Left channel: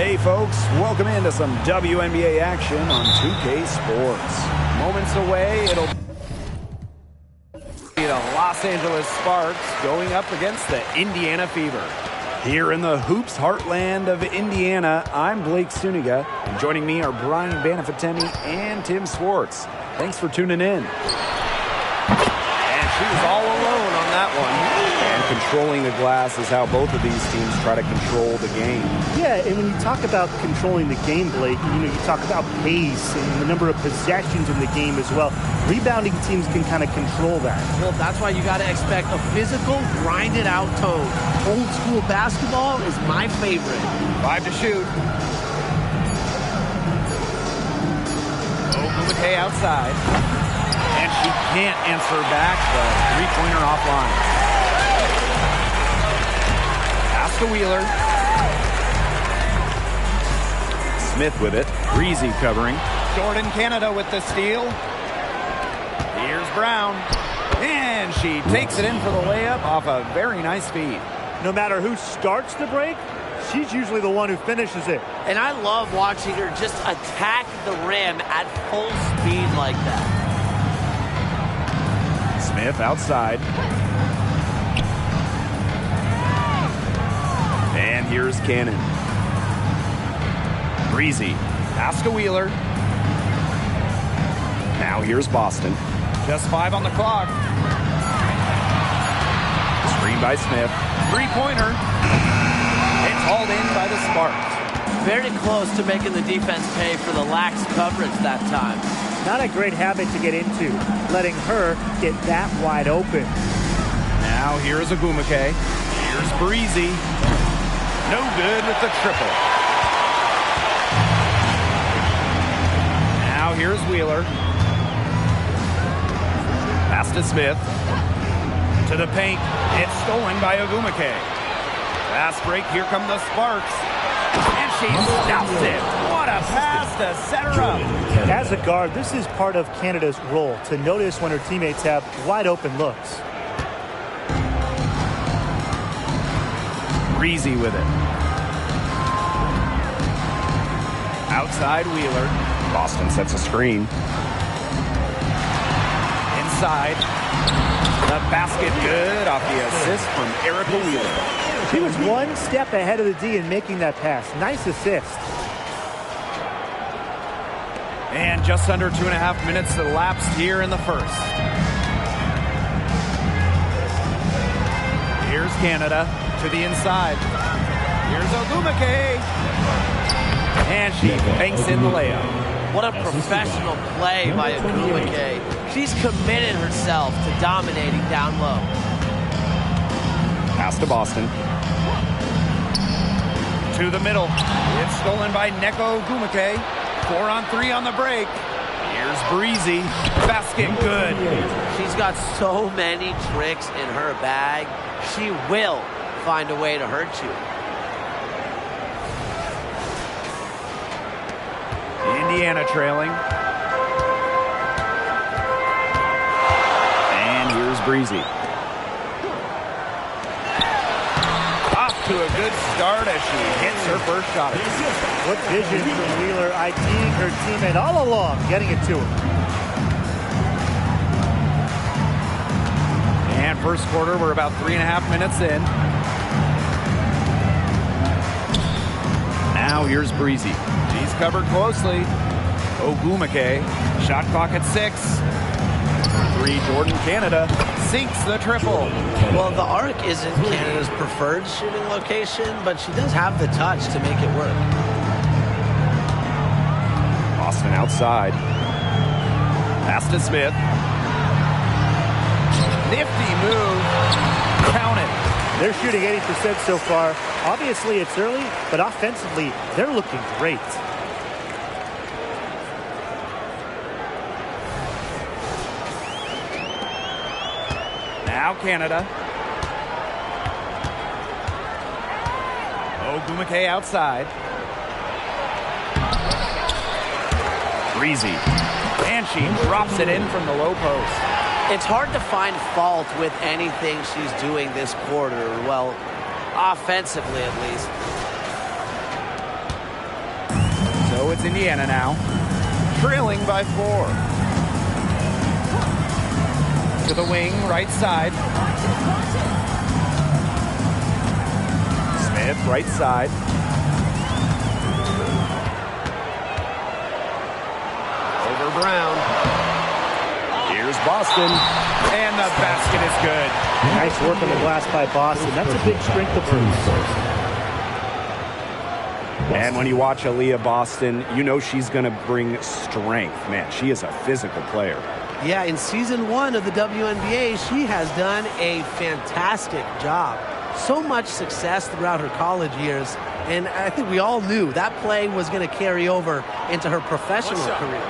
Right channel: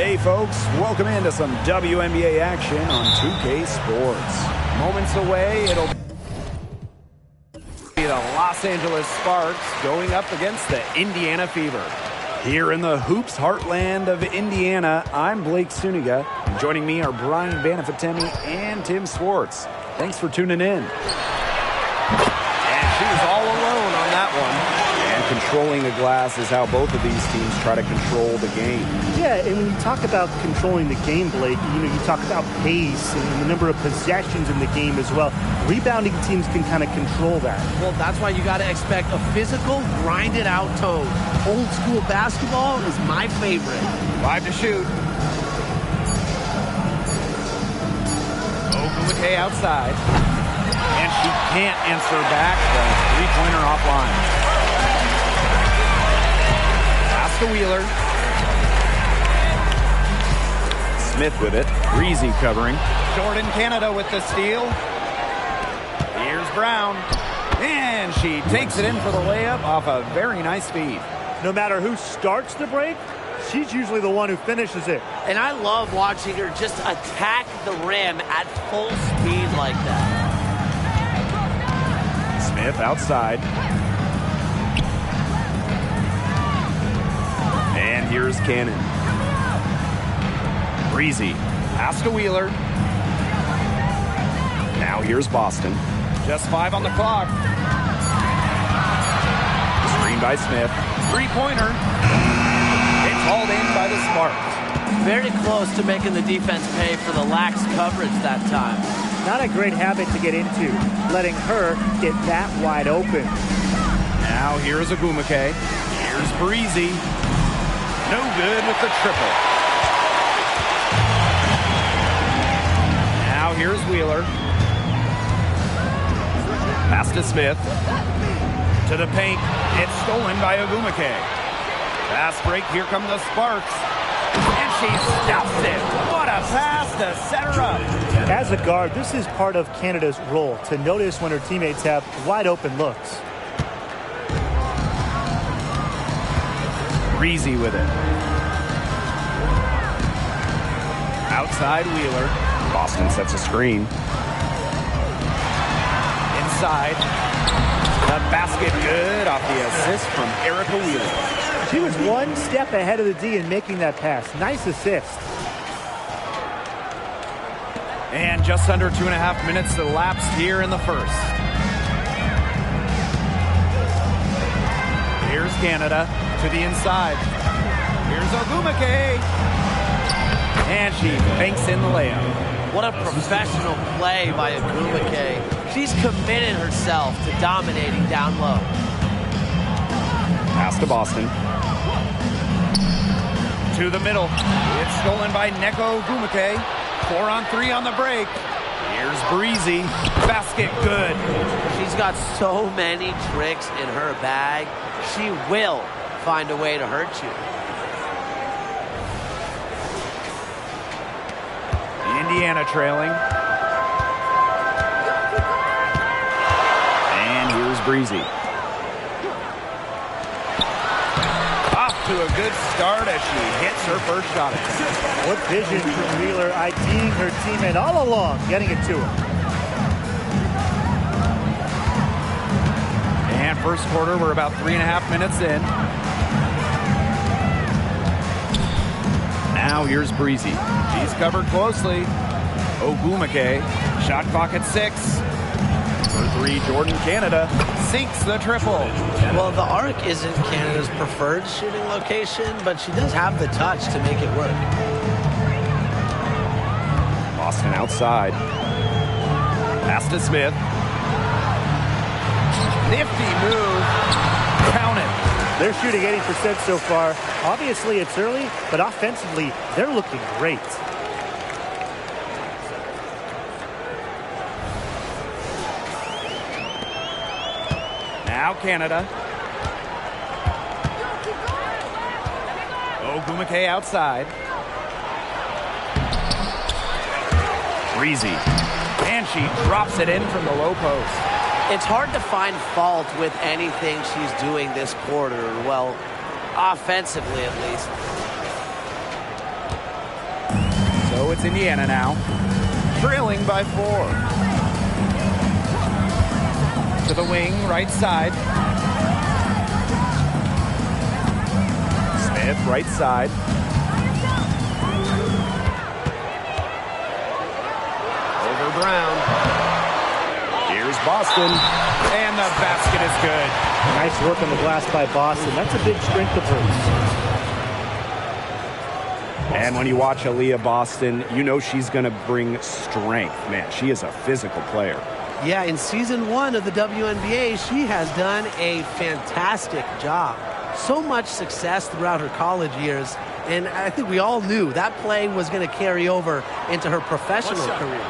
Hey folks, welcome into some WNBA action on 2K Sports. Moments away, it'll be the Los Angeles Sparks going up against the Indiana Fever. Here in the Hoops heartland of Indiana, I'm Blake Suniga, and joining me are Brian Banafitemi and Tim Swartz. Thanks for tuning in. And she was all alone on that one. And controlling the glass is how both of these teams try to control the game. Yeah, and when you talk about controlling the game, Blake, you talk about pace and the number of possessions in the game as well. Rebounding teams can kind of control that. Well, that's why you got to expect a physical, grinded-out tone. Old school basketball is my favorite. 5 to shoot. Ogumake outside. And she can't answer back the three-pointer offline. Pass to Wheeler. Smith with it. Breezy covering. Jordan Canada with the steal. Here's Brown. And she takes it in for the layup off a very nice feed. No matter who starts the break, she's usually the one who finishes it. And I love watching her just attack the rim at full speed like that. Smith outside. And here's Cannon. Breezy. Pass to Wheeler. Now here's Boston. Just 5 on the clock. Screen by Smith. Three-pointer. It's hauled in by the Sparks. Very close to making the defense pay for the lax coverage that time. Not a great habit to get into, letting her get that wide open. Now here's Ogumake. Here's Breezy. No good with the triple. Now here's Wheeler. Pass to Smith. To the paint. It's stolen by Ogumake. Fast break. Here come the Sparks. And she stops it. What a pass to set her up. As a guard, this is part of Canada's role, to notice when her teammates have wide open looks. Breezy with it. Outside Wheeler. Boston sets a screen. Inside. The basket good off the assist from Erica Wheeler. She was one step ahead of the D in making that pass. Nice assist. And just under 2.5 minutes elapsed here in the first. Here's Canada to the inside. Here's Ogumake. And she banks in the layup. What a professional play by Ogumake. She's committed herself to dominating down low. Pass to Boston. To the middle. It's stolen by Neko Ogumake. 4-on-3 on the break. Here's Breezy. Basket good. She's got so many tricks in her bag. She will find a way to hurt you. Indiana trailing. And here's Breezy. Off to a good start as she hits her first shot attempt. What vision from Wheeler, IDing her teammate all along, getting it to her. And first quarter, we're about 3.5 minutes in. Now here's Breezy. She's covered closely. Ogumake. Shot clock at 6. For 3, Jordan Canada sinks the triple. Well, the arc isn't Canada's preferred shooting location, but she does have the touch to make it work. Boston outside. Pass to Smith. Nifty move. Count it. They're shooting 80% so far. Obviously, it's early, but offensively, they're looking great. Now Canada. Ogumake outside. Breezy. And she drops it in from the low post. It's hard to find fault with anything she's doing this quarter. Well, offensively at least. So it's Indiana now, trailing by 4. To the wing, right side. Smith, right side. Over Brown. Here's Boston. And the basket is good. Nice work on the glass by Boston. That's a big strength of hers. And when you watch Aaliyah Boston, you know she's going to bring strength. Man, she is a physical player. Yeah, in season 1 of the WNBA, she has done a fantastic job. So much success throughout her college years, and I think we all knew that play was going to carry over into her professional career.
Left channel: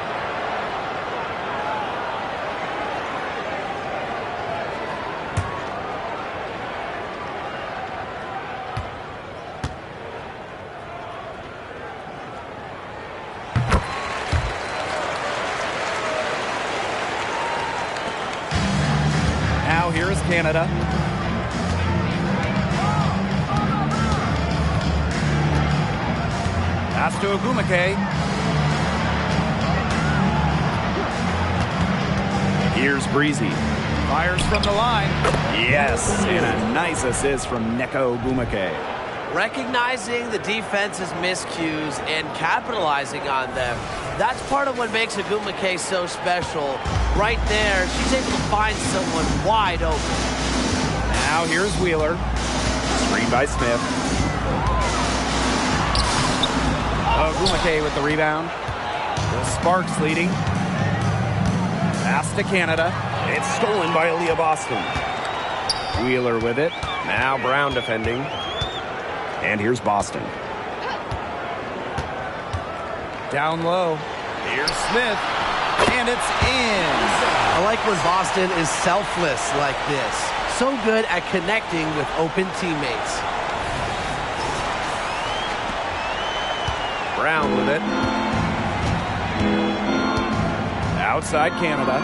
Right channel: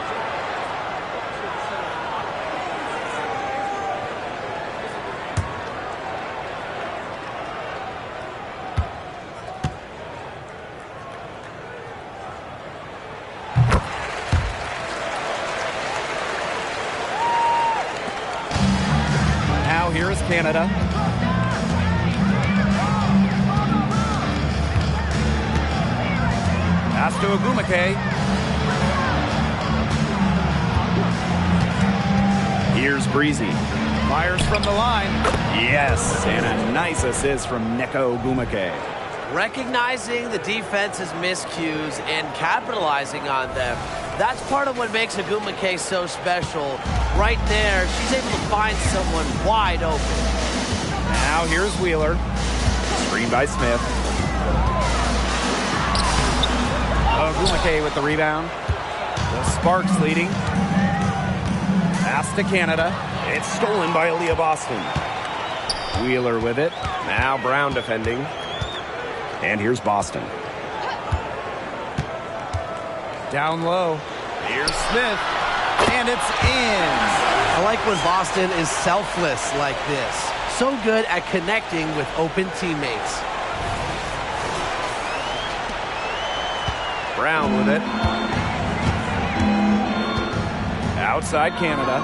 Now here is Canada. Pass to Ogumake. Here's Breezy. Fires from the line. Yes, and a nice assist from Neko Ogumake. Recognizing the defense's miscues and capitalizing on them. That's part of what makes Ogumake so special. Right there, she's able to find someone wide open. Now here's Wheeler. Screen by Smith. Ogumake with the rebound. The Sparks leading. Pass to Canada. It's stolen by Aaliyah Boston. Wheeler with it. Now Brown defending. And here's Boston. Down low. Here's Smith. And it's in. I like when Boston is selfless like this. So good at connecting with open teammates. Brown with it. Outside Canada.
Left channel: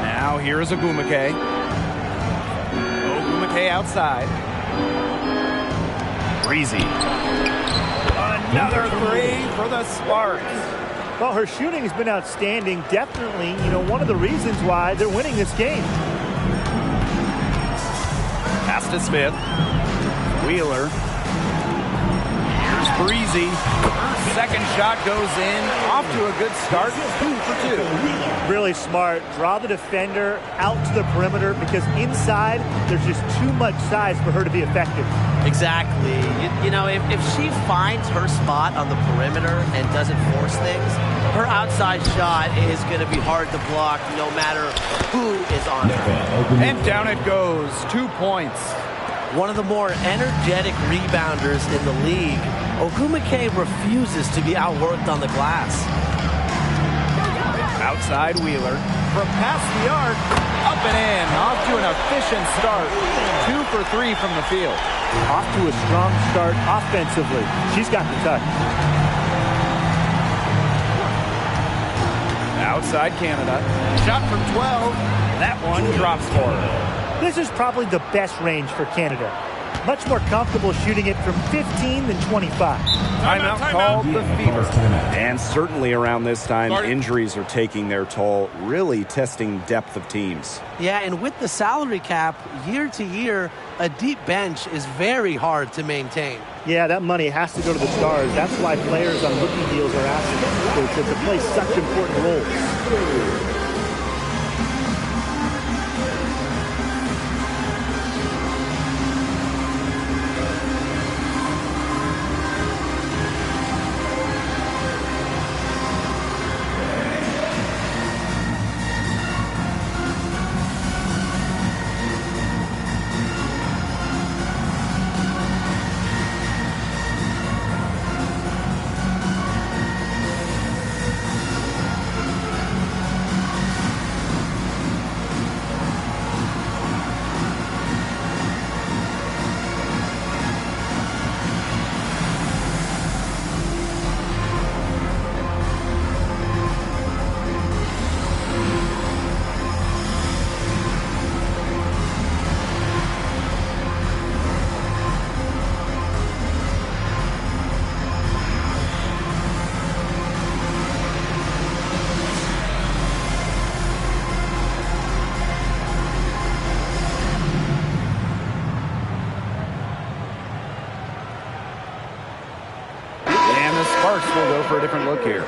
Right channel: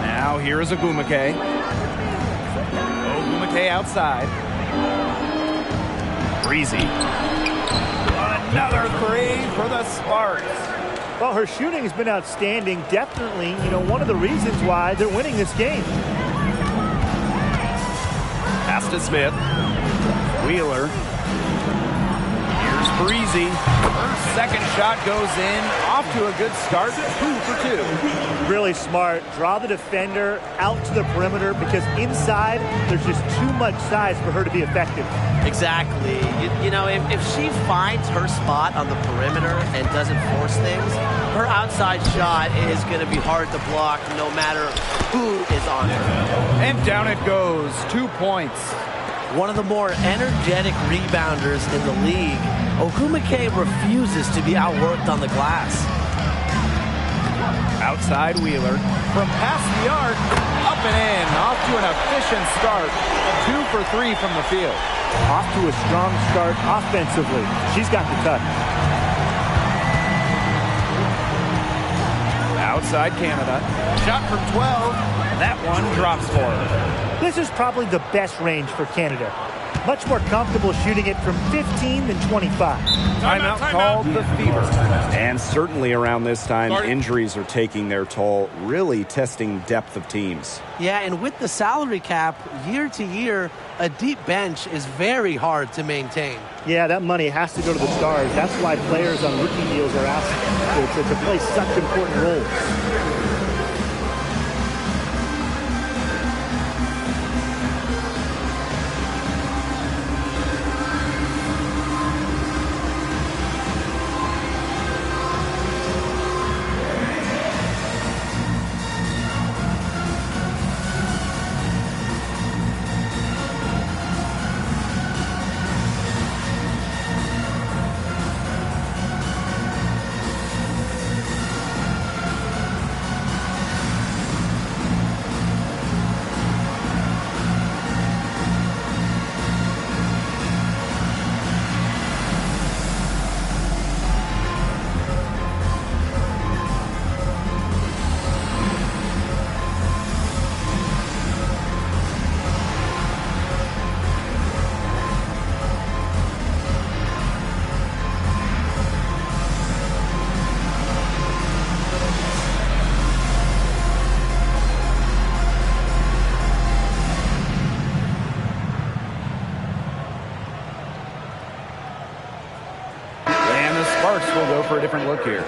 Now here is Ogumake. Ogumake outside. Breezy. Another three for the Sparks. Well, her shooting has been outstanding. Definitely, one of the reasons why they're winning this game. Pass to Smith. Wheeler. Here's Breezy. Her second shot goes in. Off to a good start. 2 for 2. Really smart. Draw the defender out to the perimeter because inside there's just too much size for her to be effective. Exactly. If she finds her spot on the perimeter and doesn't force things, her outside shot is going to be hard to block no matter who is on her. And down it goes. 2 points. One of the more energetic rebounders in the league, Ogumake refuses to be outworked on the glass. Outside Wheeler. From past the arc, up and in. Off to an efficient start. 2 for 3 from the field. Off to a strong start offensively. She's got the touch. Outside Canada. Shot from 12. That one drops for her. This is probably the best range for Canada. Much more comfortable shooting it from 15 than 25. Timeout called the Fever. And certainly around this time, injuries are taking their toll, really testing depth of teams. Yeah, and with the salary cap, year to year, a deep bench is very hard to maintain. Yeah, that money has to go to the stars. That's why players on rookie deals are asked to play such important roles. the Sparks will go for a different look here.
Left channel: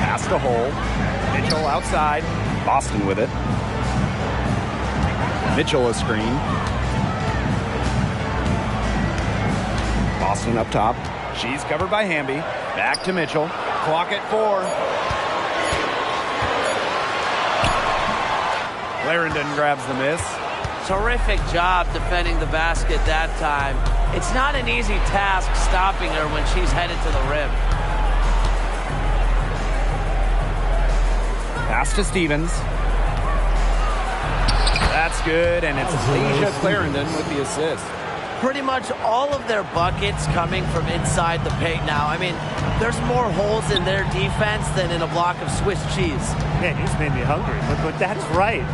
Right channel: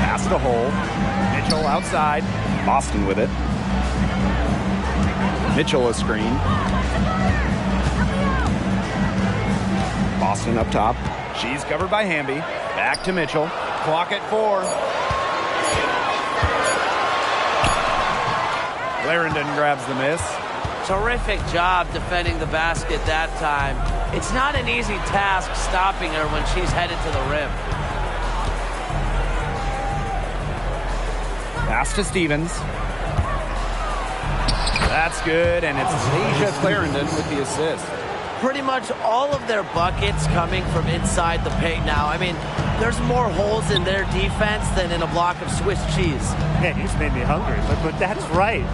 Pass to Hole. Mitchell outside. Boston with it. Mitchell a screen. Boston up top. She's covered by Hamby. Back to Mitchell. Clock at 4. Clarendon grabs the miss. Terrific job defending the basket that time. It's not an easy task stopping her when she's headed to the rim. Pass to Stevens. That's good, and it's Asia Clarendon with the assist. Pretty much all of their buckets coming from inside the paint now. I mean, there's more holes in their defense than in a block of Swiss cheese. Man, you just made me hungry, but that's right.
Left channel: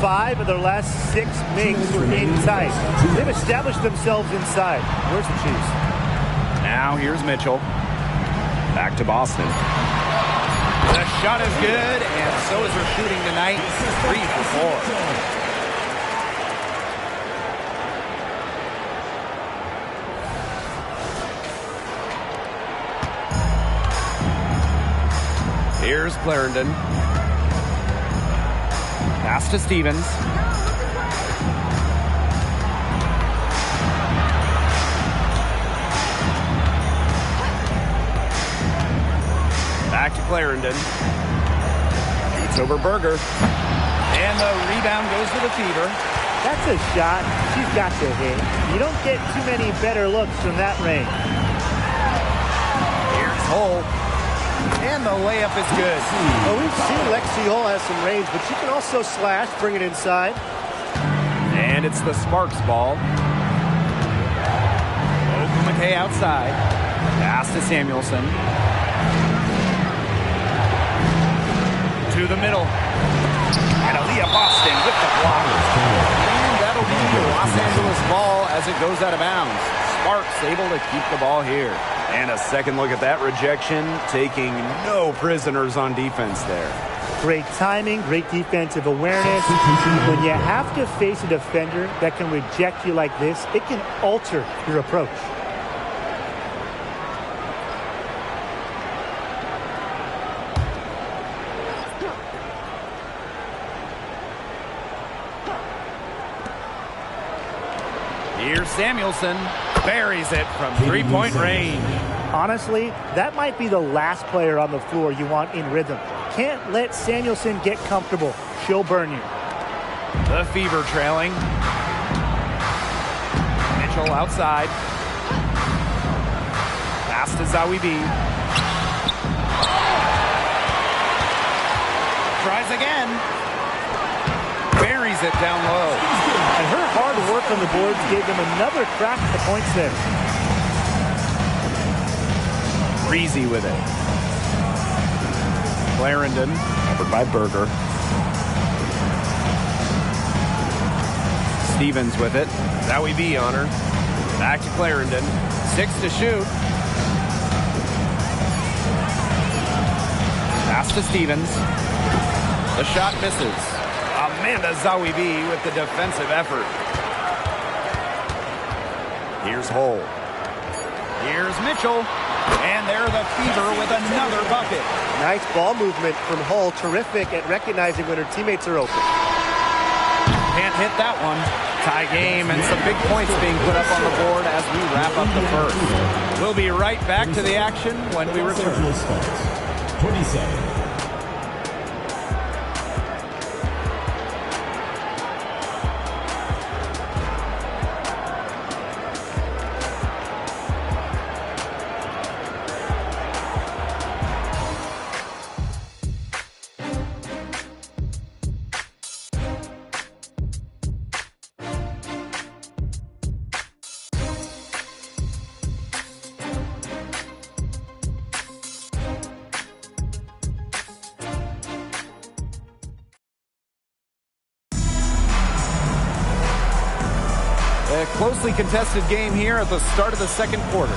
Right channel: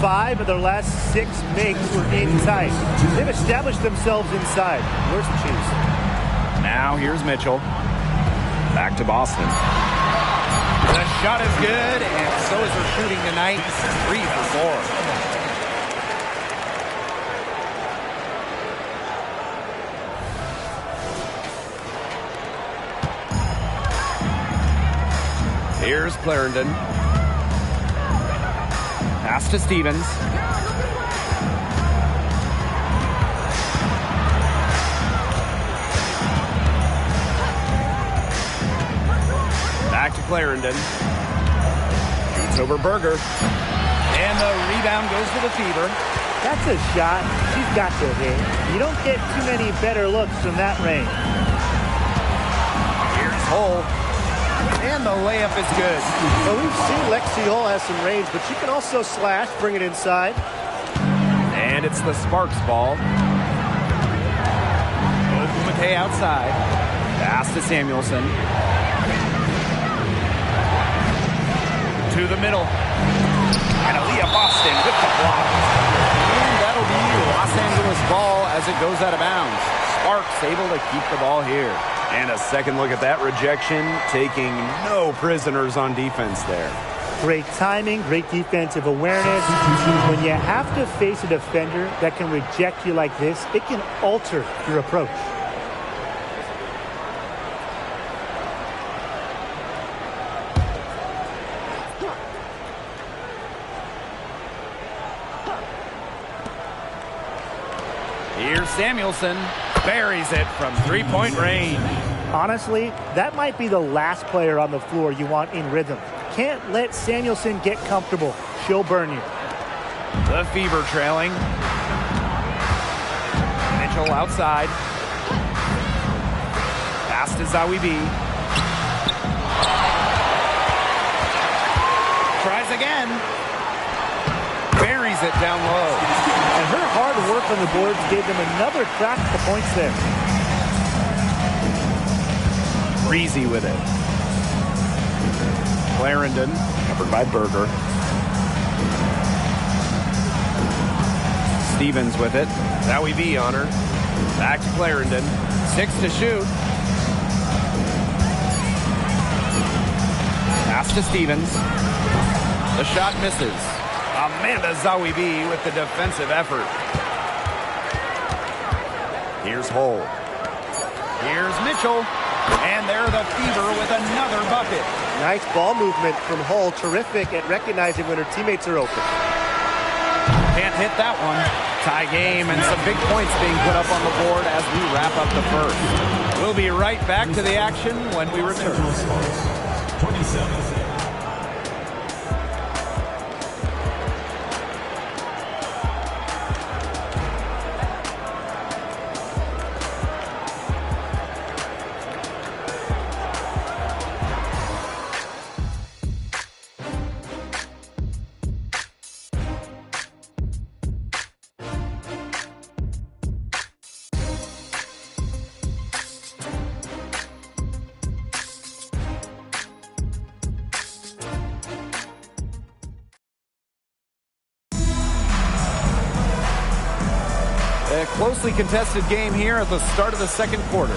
5 of their last 6 makes were inside. They've established themselves inside. Where's the cheese? Now here's Mitchell. Back to Boston. The shot is good, and so is her shooting tonight. 3 for 4. Here's Clarendon. Pass to Stevens. Back to Clarendon. Shoots over Berger. And the rebound goes to the Fever. That's a shot she's got to hit. You don't get too many better looks from that range. Here's Hull. And the layup is good. Well, we've seen Lexi Hull has some range, but she can also slash, bring it inside. And it's the Sparks ball. Ogumake outside. Pass to Samuelson. To the middle. And Aaliyah Boston with the block. And that'll be Los Angeles ball as it goes out of bounds. Sparks able to keep the ball here. And a second look at that rejection, taking no prisoners on defense there. Great timing, great defensive awareness. When you have to face a defender that can reject you like this, it can alter your approach. Here's Samuelson. Buries it from three-point range. Honestly, that might be the last player on the floor you want in rhythm. Can't let Samuelson get comfortable. She'll burn you. The Fever trailing. Mitchell outside. Pass to Zawi B. Tries again. Buries it down low. And her hard work on the boards gave them another crack at the points there. Breezy with it. Clarendon, covered by Berger. Stevens with it. Zawi B on her. Back to Clarendon. 6 to shoot. Pass to Stevens. The shot misses. Amanda Zawi B with the defensive effort. Here's Hull. Here's Mitchell. And there the Fever with another bucket. Nice ball movement from Hull. Terrific at recognizing when her teammates are open. Can't hit that one. Tie game and some big points being put up on the board as we wrap up the first. We'll be right back to the action when we return. 27. A closely contested game here at the start of the second quarter.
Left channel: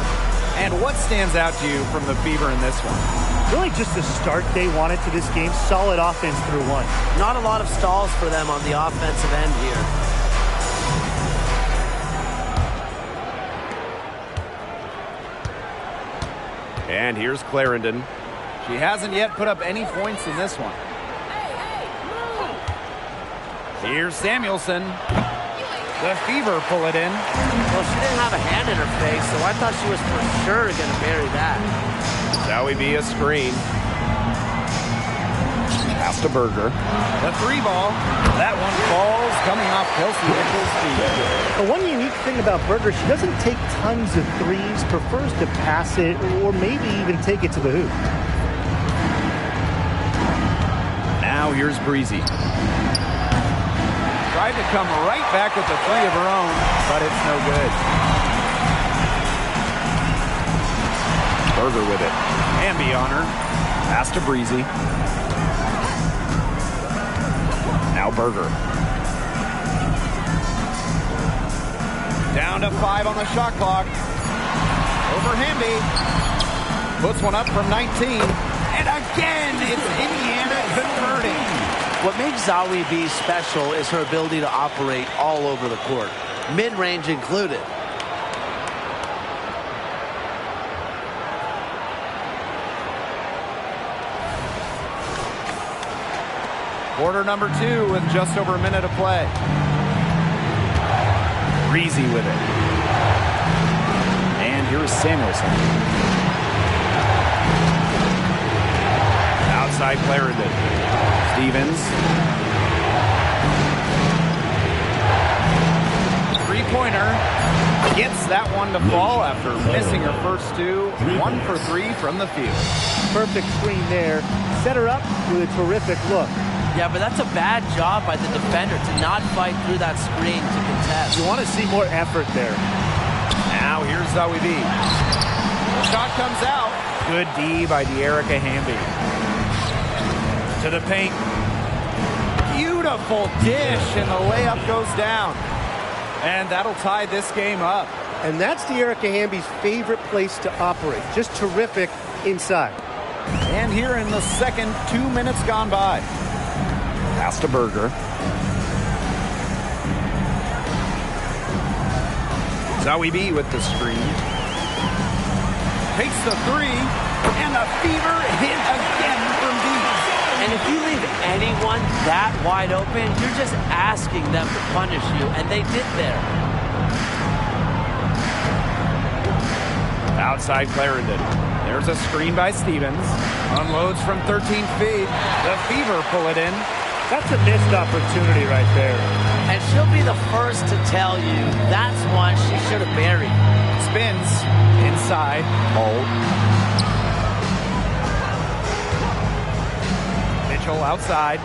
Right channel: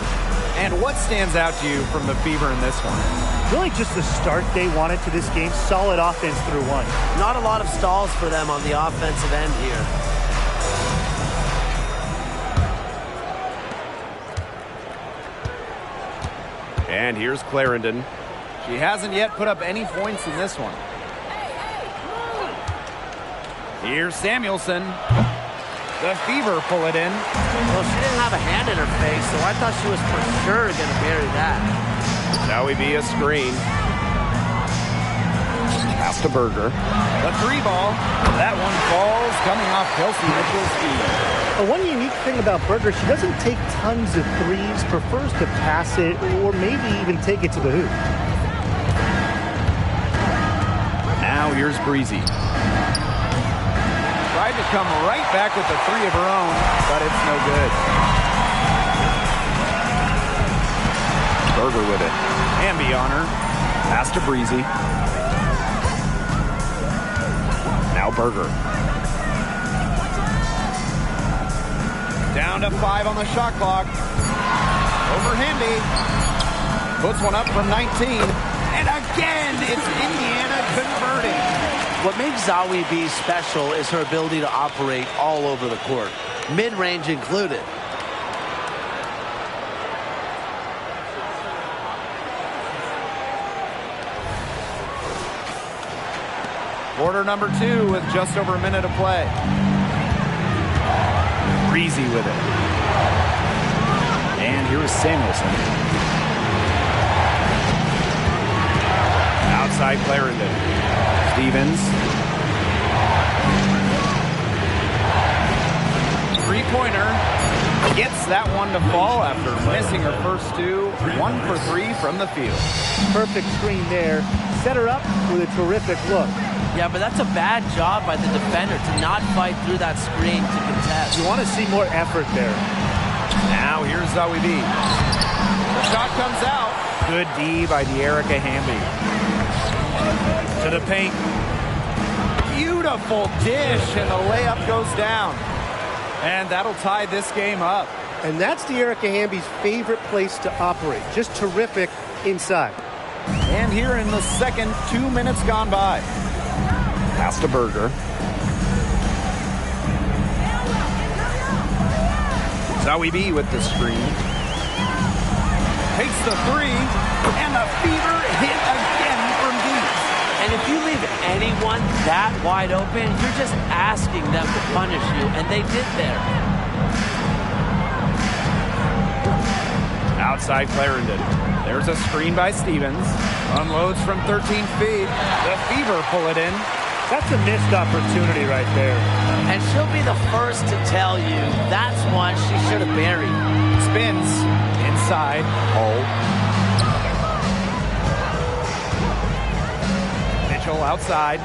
And what stands out to you from the Fever in this one? Really just the start they wanted to this game. Solid offense through one. Not a lot of stalls for them on the offensive end here. And here's Clarendon. She hasn't yet put up any points in this one. Here's Samuelson. The Fever pull it in. Well, she didn't have a hand in her face, so I thought she was for sure going to bury that. Zoe be a screen. Pass to Berger. The three ball. That one falls, coming off Kelsey Mitchell's feet. But one unique thing about Berger, she doesn't take tons of threes, prefers to pass it or maybe even take it to the hoop. Now here's Breezy. Tried to come right back with the three of her own, but it's no good. Berger with it. Hamby on her. Pass to Breezy. Now Berger. Down to 5 on the shot clock. Over Hamby. Puts one up from 19. And again, it's Indiana converting. What makes Zoe B special is her ability to operate all over the court, mid-range included. Quarter number 2 with just over a minute to play. Breezy with it. And here's Samuelson. Outside Clarendon. Stevens. Three-pointer. Gets that one to fall after missing her first two. 1 for 3 from the field. Perfect screen there. Set her up with a terrific look. Yeah, but that's a bad job by the defender to not fight through that screen to contest. You want to see more effort there. Now here's Zoe B. The shot comes out. Good D by De'Erica Hamby. To the paint. Beautiful dish, and the layup goes down. And that'll tie this game up. And that's De'Erica Hamby's favorite place to operate. Just terrific inside. And here in the second, 2 minutes gone by. Pass to Berger. Zoe B with the screen. Takes the three, and the Fever hit again from deep. And if you leave anyone that wide open, you're just asking them to punish you, and they did there. Outside Clarendon. There's a screen by Stevens. Unloads from 13 feet. The Fever pull it in. That's a missed opportunity right there. And she'll be the first to tell you that's one she should have buried. Spins inside. Hull. Mitchell outside.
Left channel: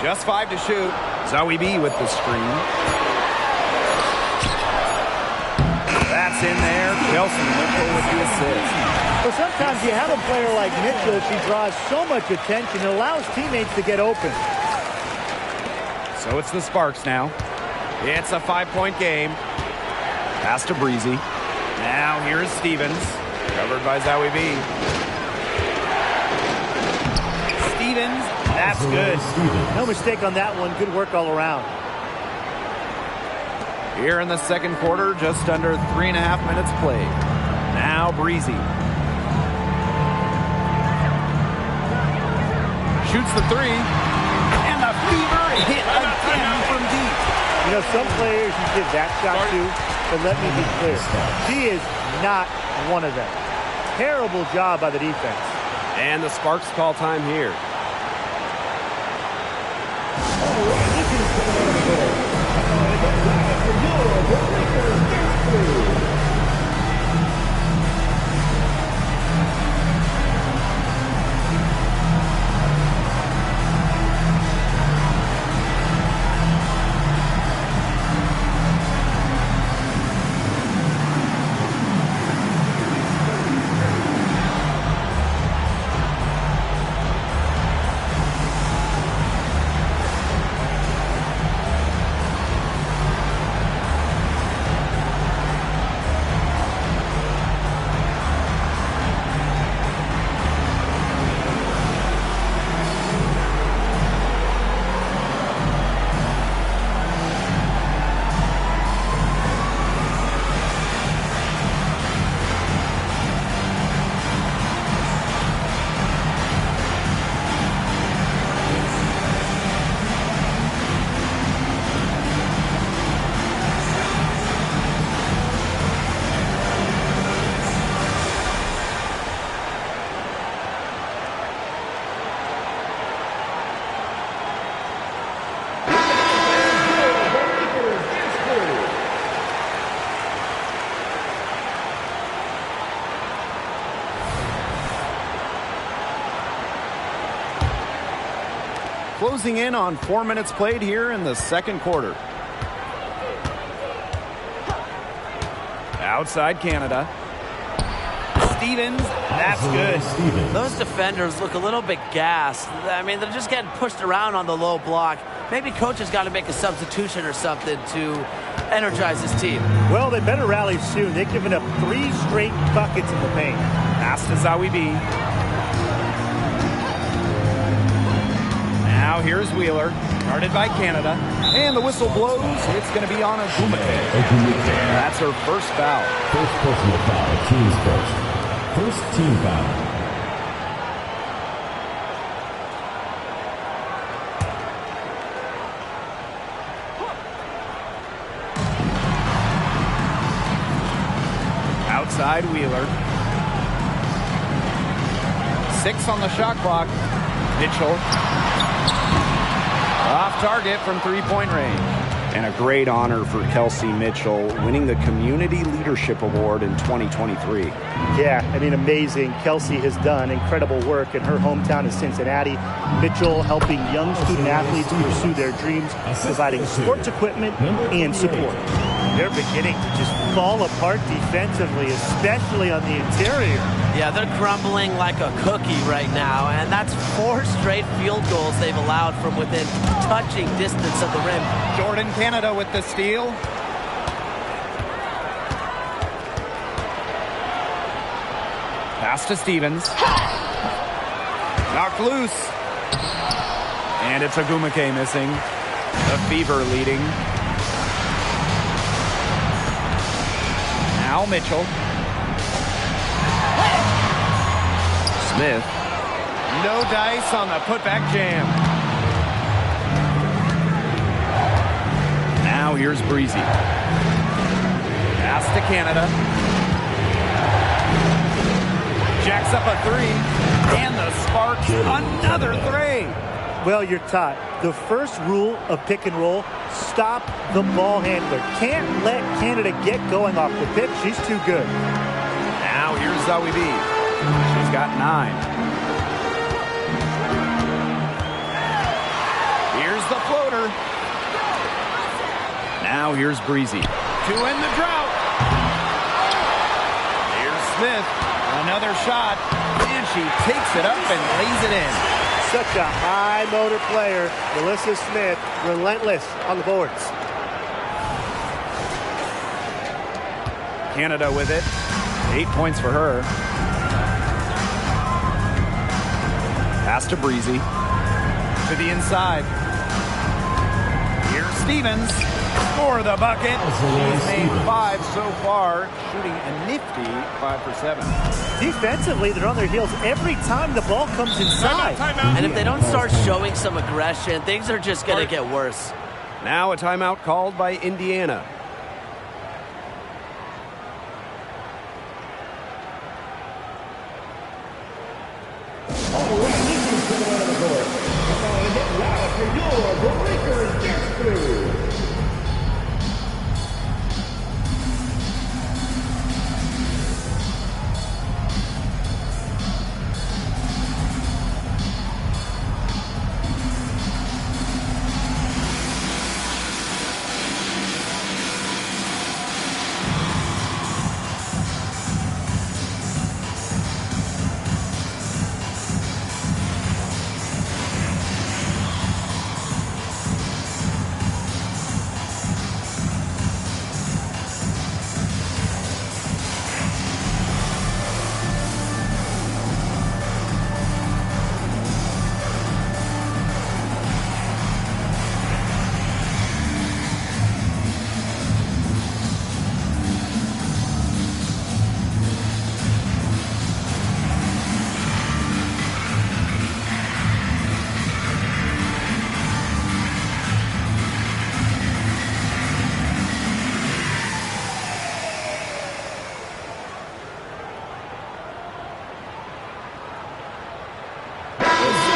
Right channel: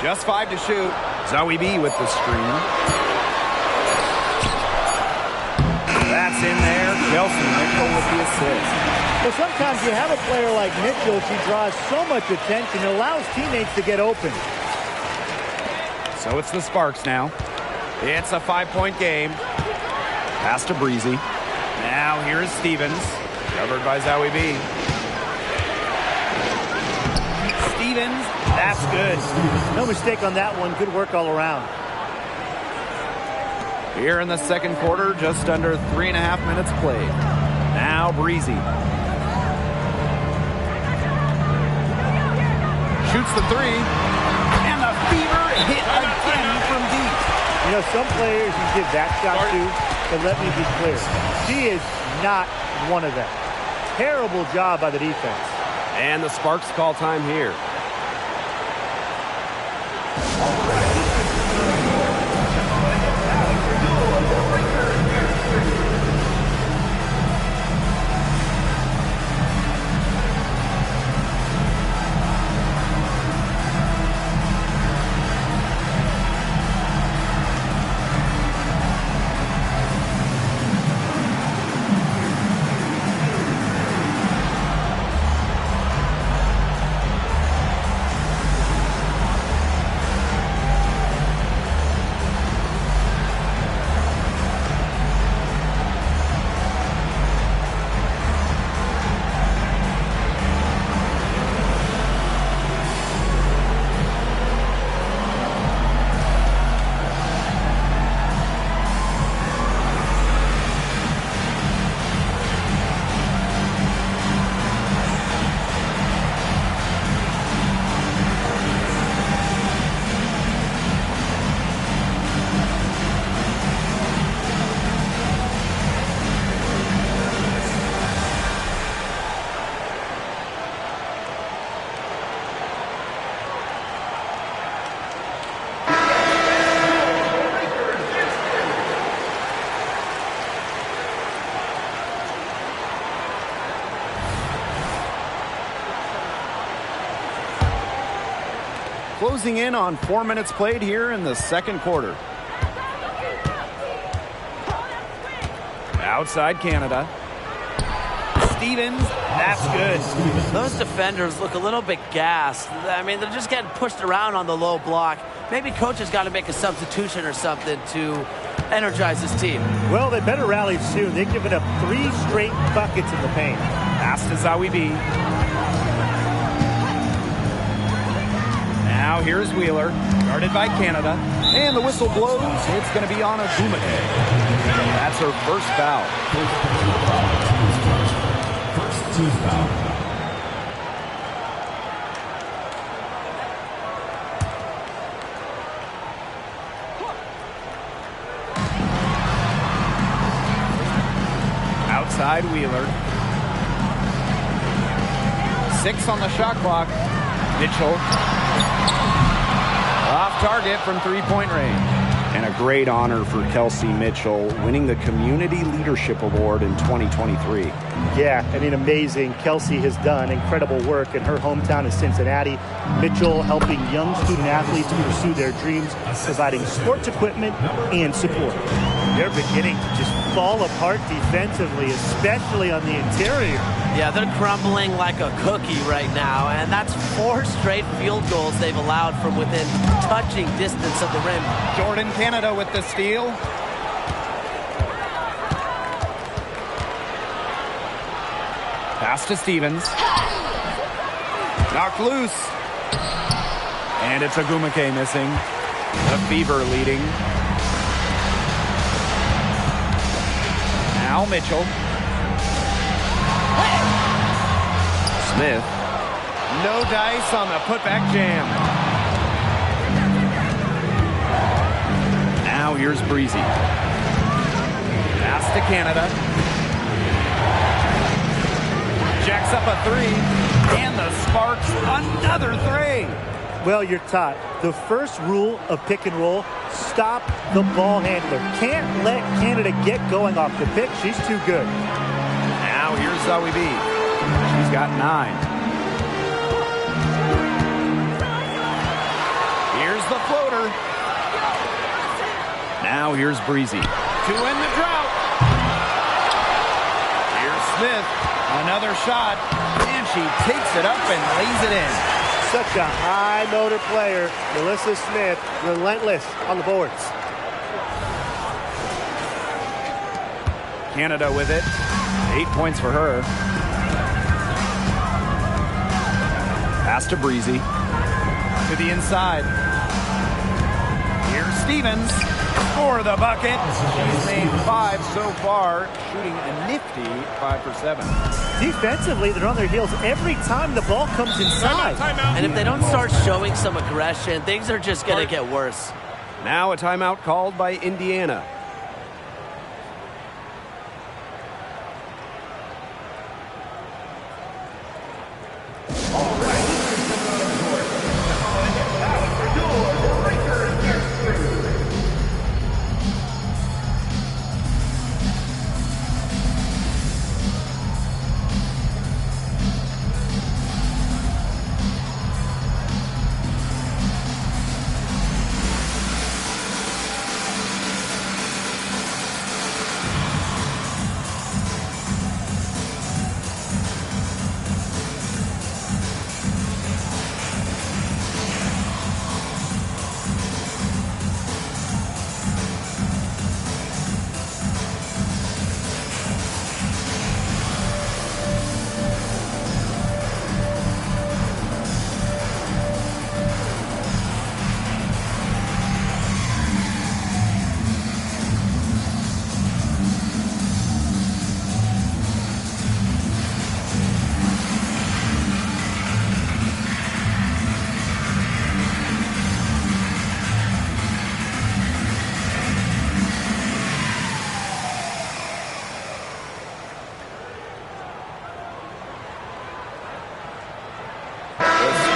Just 5 to shoot. Zoe B with the screen. That's in there. Kelsey Mitchell with the assist. Well, sometimes you have a player like Mitchell. She draws so much attention. It allows teammates to get open. So it's the Sparks now. It's a 5-point game. Pass to Breezy. Now here is Stevens. Covered by Zoe B. Stevens, that's good. No mistake on that one. Good work all around. Here in the second quarter, just under 3.5 minutes played. Now Breezy. Shoots the three, and the Fever hit again from deep. You know, some players you give that shot to, but let me be clear. She is not one of them. Terrible job by the defense. And the Sparks call time here. Closing in on 4 minutes played here in the second quarter. Outside Canada. Stevens, that's good. Those defenders look a little bit gassed. I mean, they're just getting pushed around on the low block. Maybe coach has got to make a substitution or something to energize his team. Well, they better rally soon. They've given up 3 straight buckets in the paint. Pass to Zawi B. Now here's Wheeler, guarded by Canada. And the whistle blows. It's going to be on Agumake. That's her first foul. First personal foul, the team's first. First team foul. Outside Wheeler. 6 on the shot clock. Mitchell. Off target from three-point range. And a great honor for Kelsey Mitchell, winning the Community Leadership Award in 2023. Yeah, I mean, amazing. Kelsey has done incredible work in her hometown of Cincinnati. Mitchell helping young student athletes pursue their dreams, providing sports equipment and support. They're beginning to just fall apart defensively, especially on the interior. Yeah, they're crumbling like a cookie right now, and that's 4 straight field goals they've allowed from within touching distance of the rim. Jordan Canada with the steal. Pass to Stevens. Knocked loose. And it's Agumake missing. The Fever leading. Now Mitchell. Smith. No dice on the putback jam. Now here's Breezy. Pass to Canada. Jacks up a 3. And the Sparks another 3. Well, you're taught. The first rule of pick and roll, stop the ball handler. Can't let Canada get going off the pick. She's too good. Now here's Zawi B. She's got 9. Here's the floater. Now here's Breezy. 2 in the drought. Here's Smith. Another shot. And she takes it up and lays it in. Such a high motor player. Melissa Smith, relentless on the boards. Canada with it. 8 points for her. Pass to Breezy. To the inside. Here's Stevens. For the bucket. She's made 5 so far, shooting a nifty 5 for 7. Defensively, they're on their heels every time the ball comes inside. And if they don't start showing some aggression, things are just going to get worse. Now a timeout called by Indiana.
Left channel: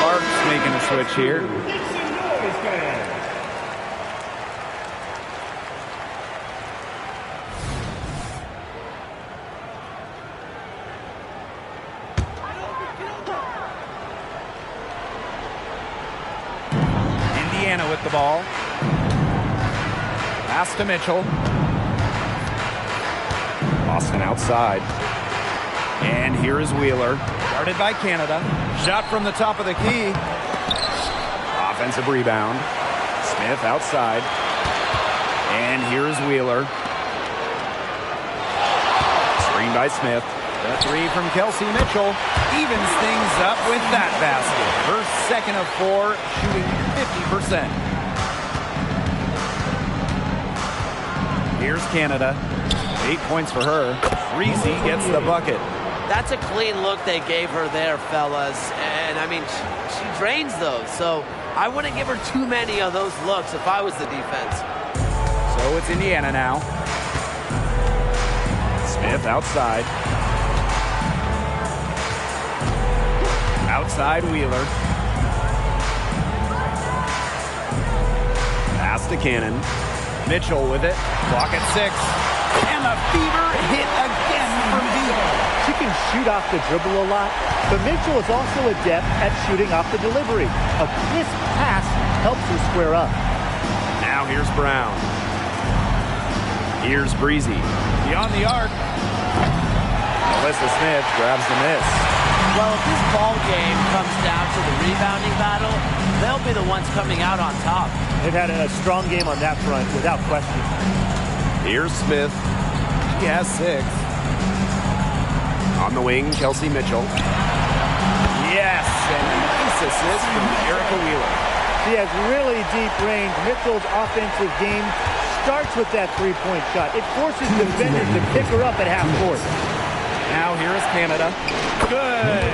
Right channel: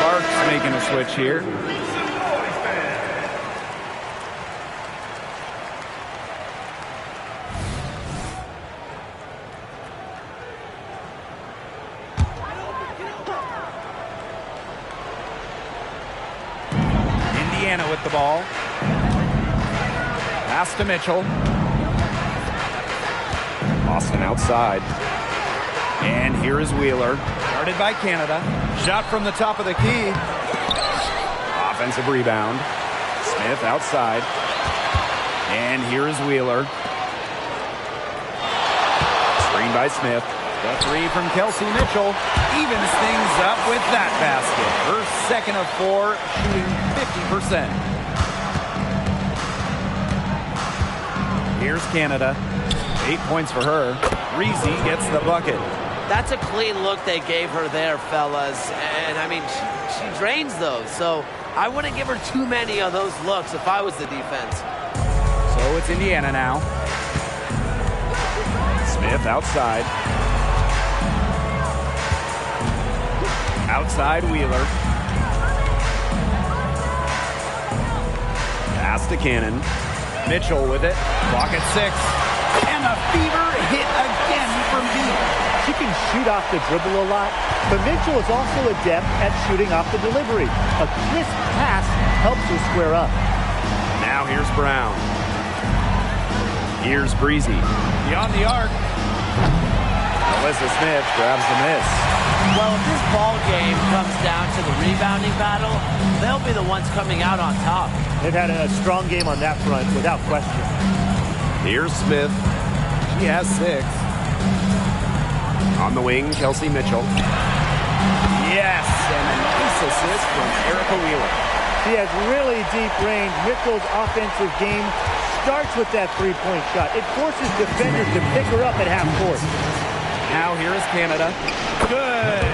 Sparks making a switch here. Indiana with the ball. Pass to Mitchell. Boston outside. And here is Wheeler. Guarded by Canada. Shot from the top of the key. Offensive rebound. Smith outside. And here is Wheeler. Screen by Smith. The three from Kelsey Mitchell evens things up with that basket. Her second of 4, shooting 50%. Here's Canada. 8 points for her. Breezy gets the bucket. That's a clean look they gave her there, fellas. And, I mean, she drains those. So I wouldn't give her too many of those looks if I was the defense. So it's Indiana now. Smith outside. Outside Wheeler. Pass to Cannon. Mitchell with it. Clock at 6. And the Fever hit again from deep. She can shoot off the dribble a lot, but Mitchell is also adept at shooting off the delivery. A crisp pass helps her square up. Now here's Brown. Here's Breezy. Beyond the arc. Alyssa Smith grabs the miss. Well, if this ball game comes down to the rebounding battle, they'll be the ones coming out on top. They've had a strong game on that front, without question. Here's Smith. She has 6. On the wing, Kelsey Mitchell. Yes, and a nice assist from Erica Wheeler. She has really deep range. Mitchell's offensive game starts with that three-point shot. It forces defenders to pick her up at half court. Now here is Canada. Good.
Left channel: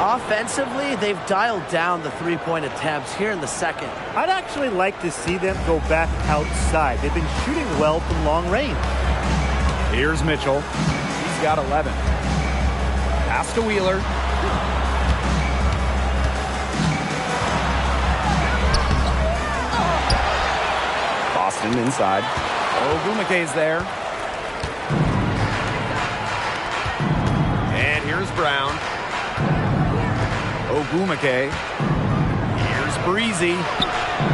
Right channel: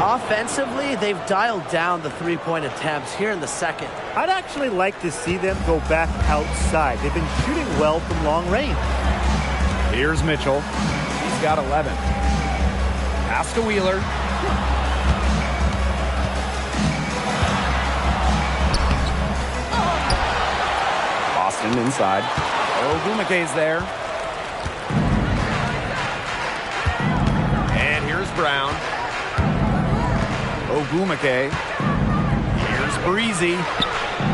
Offensively, they've dialed down the three-point attempts here in the second. I'd actually like to see them go back outside. They've been shooting well from long range. Here's Mitchell. He's got 11. Pass to Wheeler. Boston inside. Ogumake's there. And here's Brown. Ogumake. Here's Breezy.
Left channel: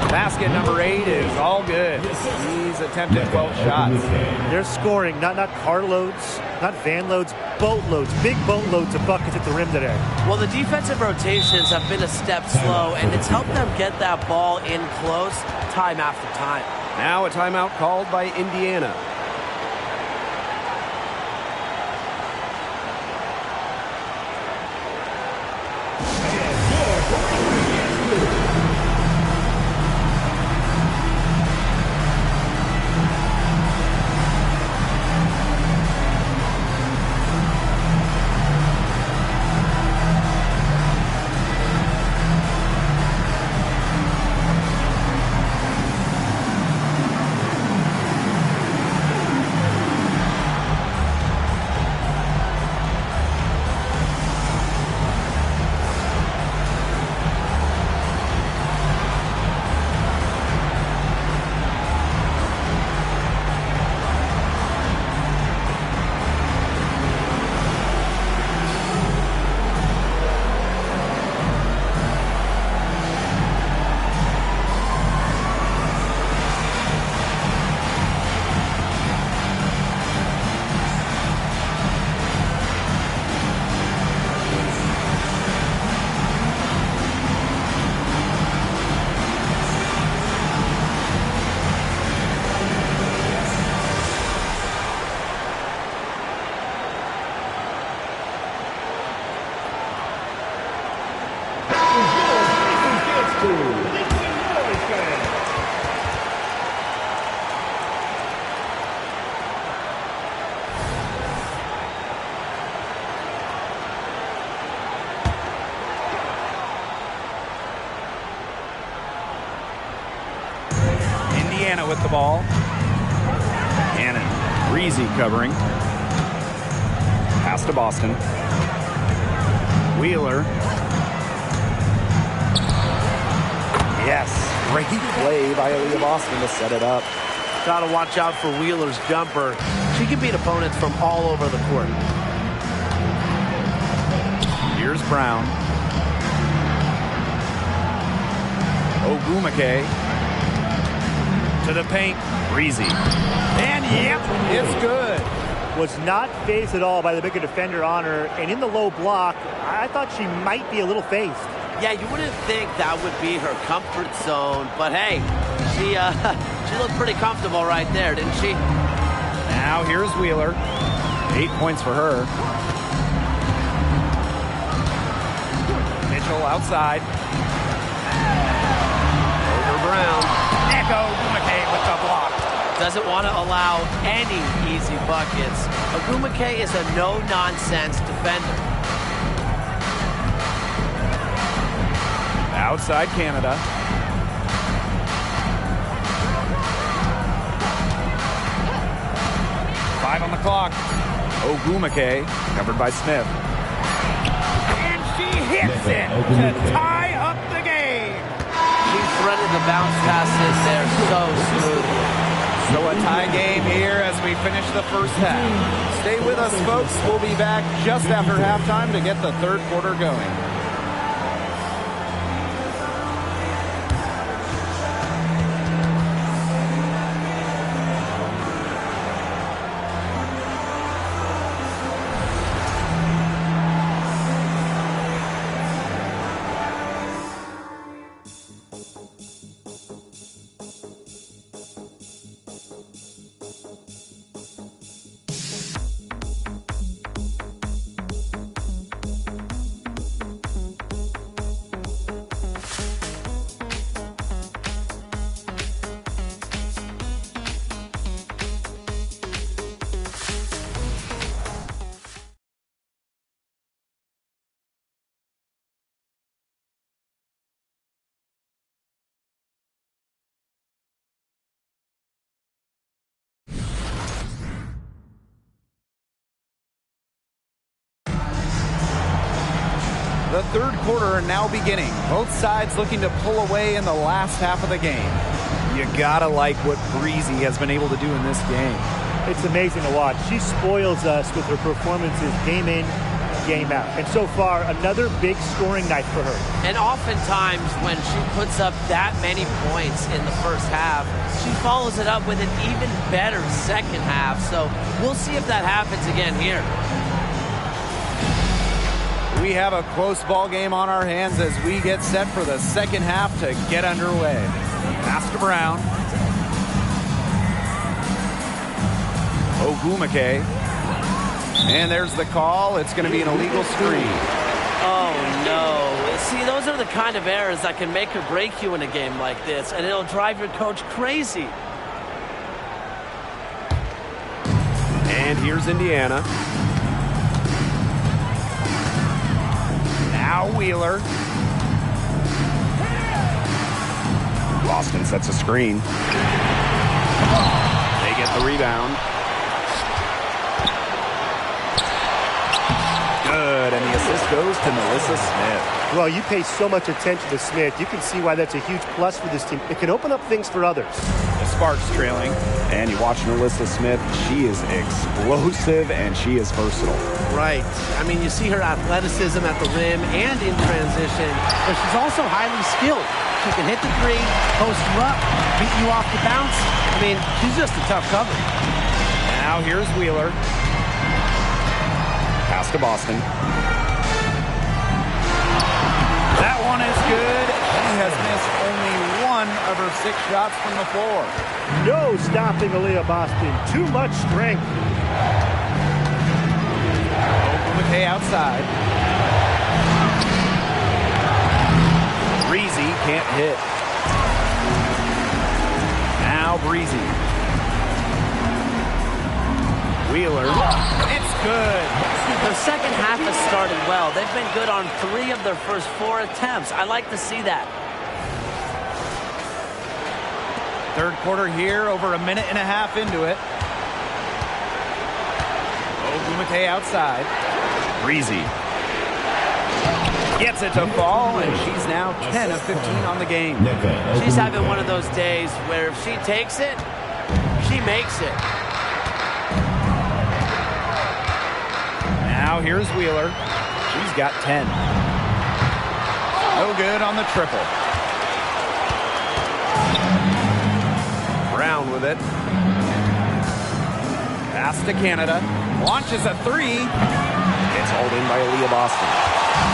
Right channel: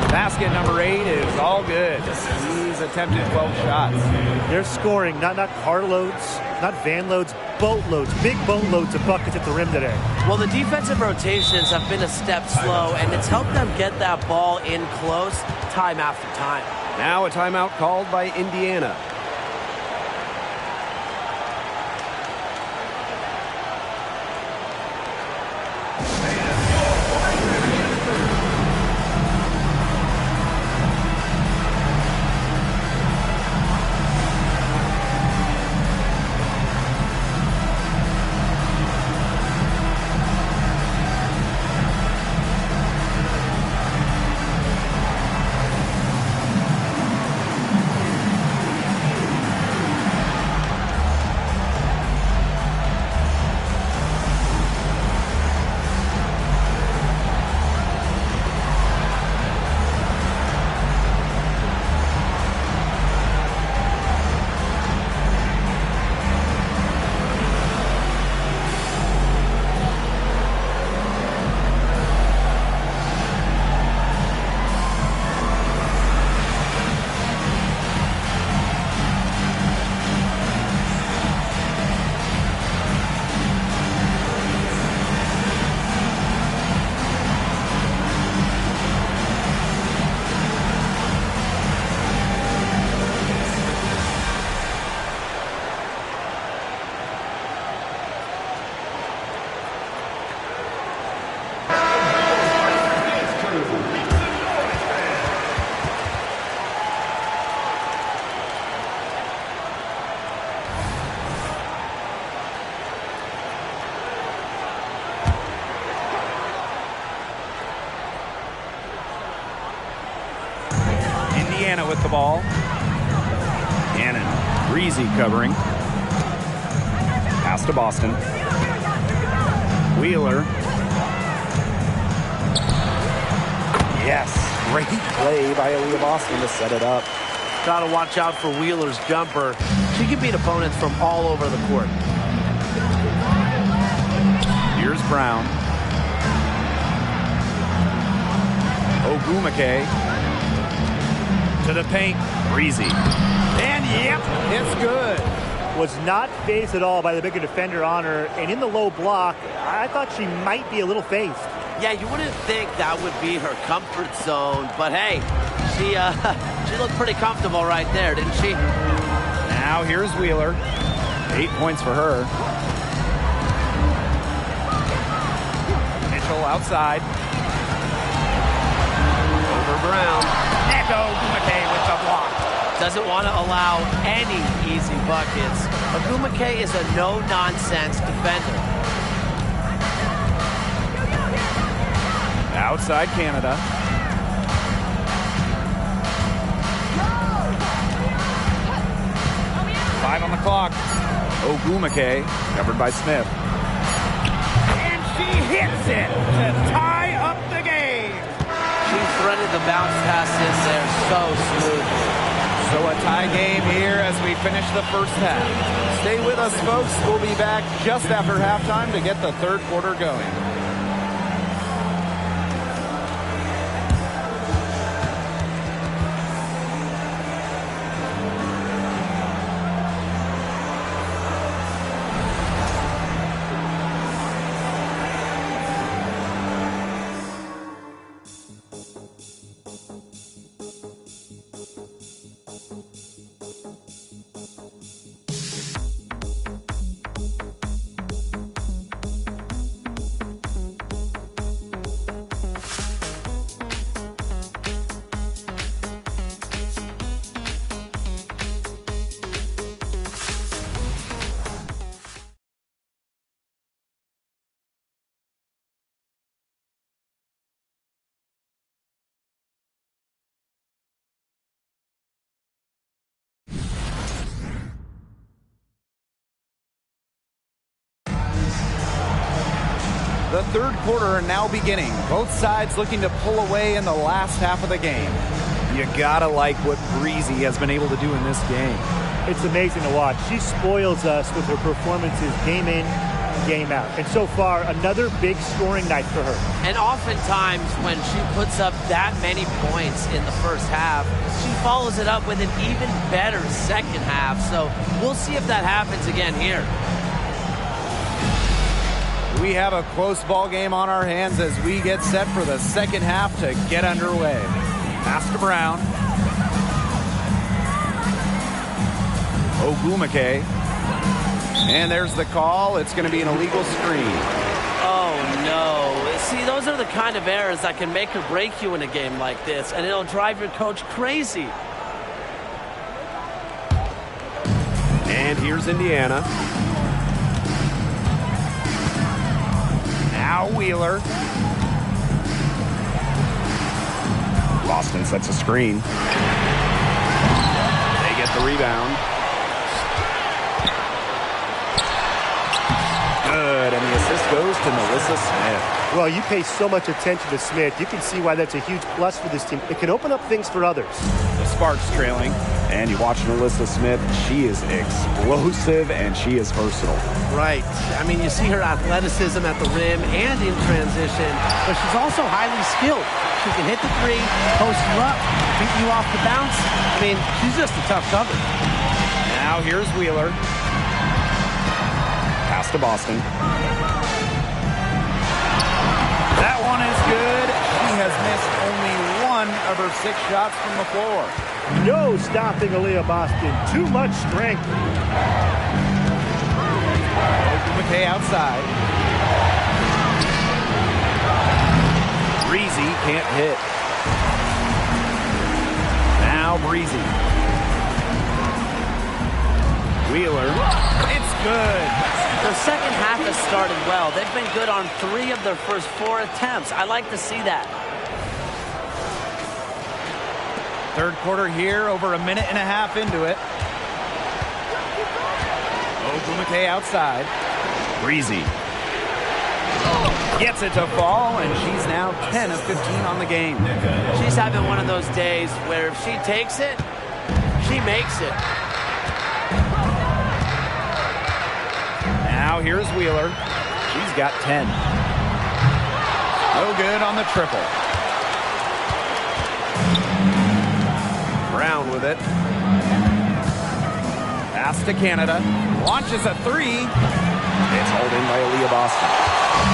Basket number 8 is all good. He's attempted 12 shots. They're scoring, not carloads, not van loads, boatloads, big boatloads of buckets at the rim today. Well, the defensive rotations have been a step slow, and it's helped them get that ball in close time after time. Now a timeout called by Indiana. Indiana with the ball. Cannon. Breezy covering. Pass to Boston. Wheeler. Yes. Great play by Aaliyah Boston to set it up. Got to watch out for Wheeler's jumper. She can beat opponents from all over the court. Here's Brown. Ogumake to the paint. Breezy. And yep, it's good. Was not phased at all by the bigger defender on her. And in the low block, I thought she might be a little phased. Yeah, you wouldn't think that would be her comfort zone. But hey, she looked pretty comfortable right there, didn't she? Now here's Wheeler. 8 points for her. Mitchell outside. Over Brown. Neko Ogumake with the block. Doesn't want to allow any easy buckets. Ogumake is a no-nonsense defender. Outside Canada. Five on the clock. Ogumake, covered by Smith. And she hits it to tie up the game. She threaded the bounce pass in there so smoothly. So a tie game here as we finish the first half. Stay with us, folks. We'll be back just after halftime to get the third quarter going. The third quarter now beginning. Both sides looking to pull away in the last half of the game. You gotta like what Breezy has been able to do in this game. It's amazing to watch. She spoils us with her performances game in, game out. And so far, another big scoring night for her. And oftentimes when she puts up that many points in the first half, she follows it up with an even better second half. So we'll see if that happens again here. We have a close ball game on our hands as we get set for the second half to get underway. Pass to Brown. Ogumake. And there's the call. It's going to be an illegal screen. Oh, no. See, those are the kind of errors that can make or break you in a game like this, and it'll drive your coach crazy. And here's Indiana. Now Wheeler. Boston sets a screen. They get the rebound. Good, and the assist goes to Melissa Smith. Well, you pay so much attention to Smith. You can see why that's a huge plus for this team. It can open up things for others. The Sparks trailing. And you watch Melissa Smith. She is explosive and she is versatile. Right. I mean, you see her athleticism at the rim and in transition, but she's also highly skilled. She can hit the three, post you up, beat you off the bounce. I mean, she's just a tough cover. Now here's Wheeler. Pass to Boston. That one is good. She has missed only one of her 6 shots from the floor. No stopping Aaliyah Boston. Too much strength. Ogumake outside. Breezy can't hit. Now Breezy. Wheeler. It's good. Their second half has started well. They've been good on 3 of their first 4 attempts. I like to see that. Third quarter here, over a minute and a half into it. Ogumake outside. Breezy. Gets it to fall, and she's now 10 of 15 on the game. She's having one of those days where if she takes it, she makes it. Now here's Wheeler. She's got 10. No good on the triple. Brown with it. Pass to Canada. Launches a three. It's hauled in by Aaliyah Boston.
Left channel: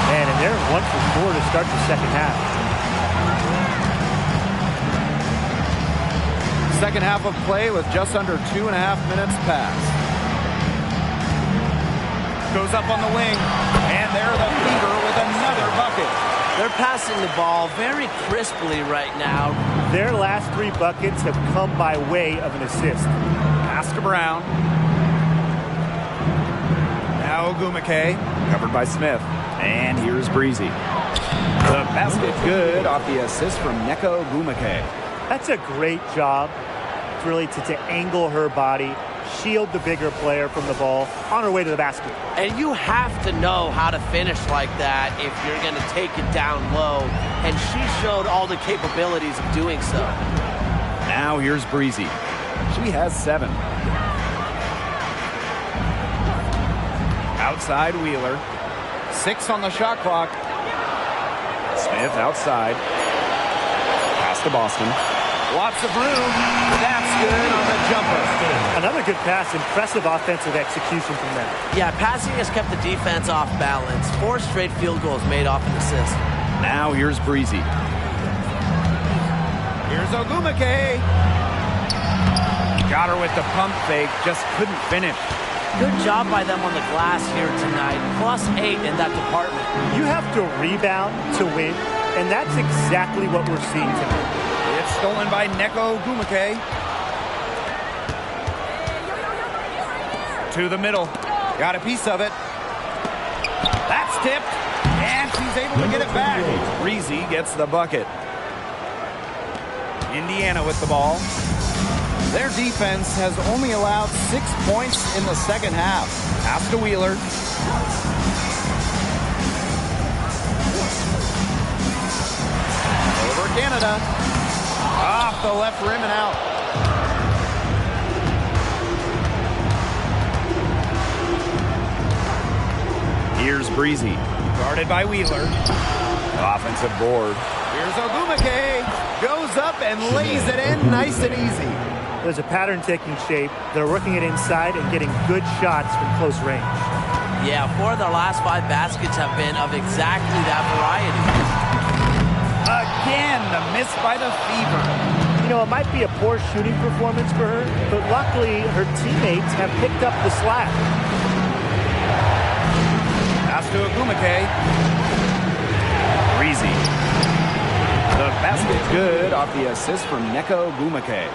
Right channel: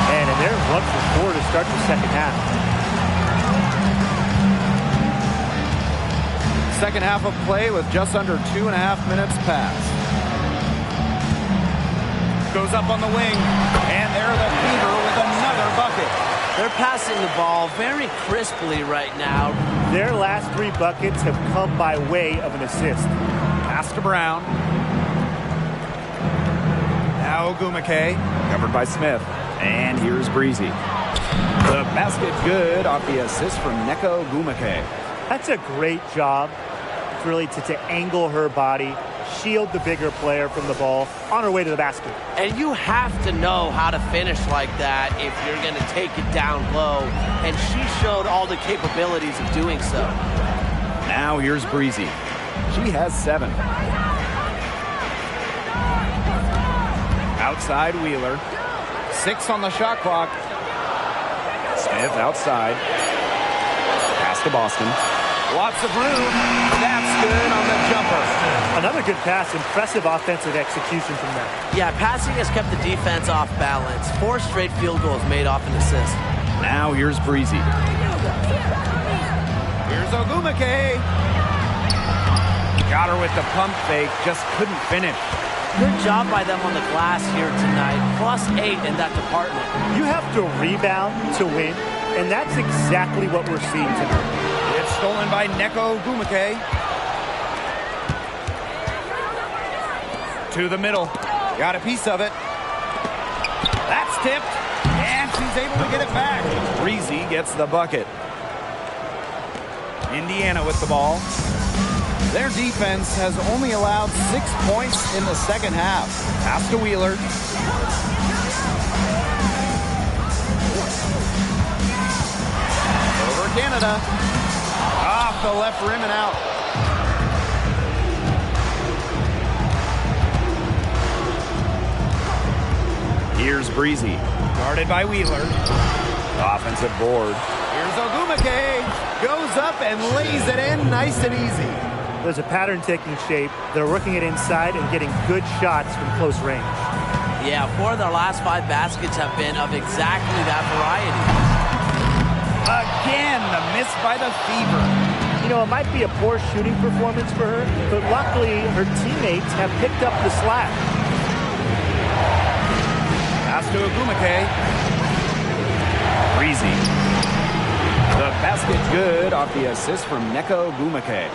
Man, and they're 1 for 4 to start the second half. Second half of play with just under 2.5 minutes passed. Goes up on the wing, and there the Fever with another bucket. They're passing the ball very crisply right now. Their last 3 buckets have come by way of an assist. Pass to Brown. Now Ogumake, covered by Smith. And here's Breezy. The basket good off the assist from Neko Ogumake. That's a great job, really, to angle her body, shield the bigger player from the ball on her way to the basket. And you have to know how to finish like that if you're going to take it down low. And she showed all the capabilities of doing so. Now here's Breezy. She has 7. Outside Wheeler. 6 on the shot clock. Smith outside. Pass to Boston. Lots of room. That's good on the jumper. Another good pass. Impressive offensive execution from them. Yeah, passing has kept the defense off balance. 4 straight field goals made off an assist. Now here's Breezy. Here's Ogumake. Got her with the pump fake. Just couldn't finish. Good job by them on the glass here tonight. +8 in that department. You have to rebound to win, and that's exactly what we're seeing tonight. It's stolen by Neko Ogumake. To the middle. Got a piece of it. That's tipped. And she's able to get it back. Breezy gets the bucket. Indiana with the ball. Their defense has only allowed 6 points in the second half. Pass to Wheeler. Over Canada. Off the left rim and out. Here's Breezy. Guarded by Wheeler. Offensive board. Here's Ogumake. Goes up and lays it in nice and easy. There's a pattern taking shape. They're working it inside and getting good shots from close range. Yeah, 4 of their last 5 baskets have been of exactly that variety. Again, the miss by the Fever. You know, it might be a poor shooting performance for her, but luckily her teammates have picked up the slack. Pass to Ogumake. Breezy. The basket good off the assist from Neko Ogumake.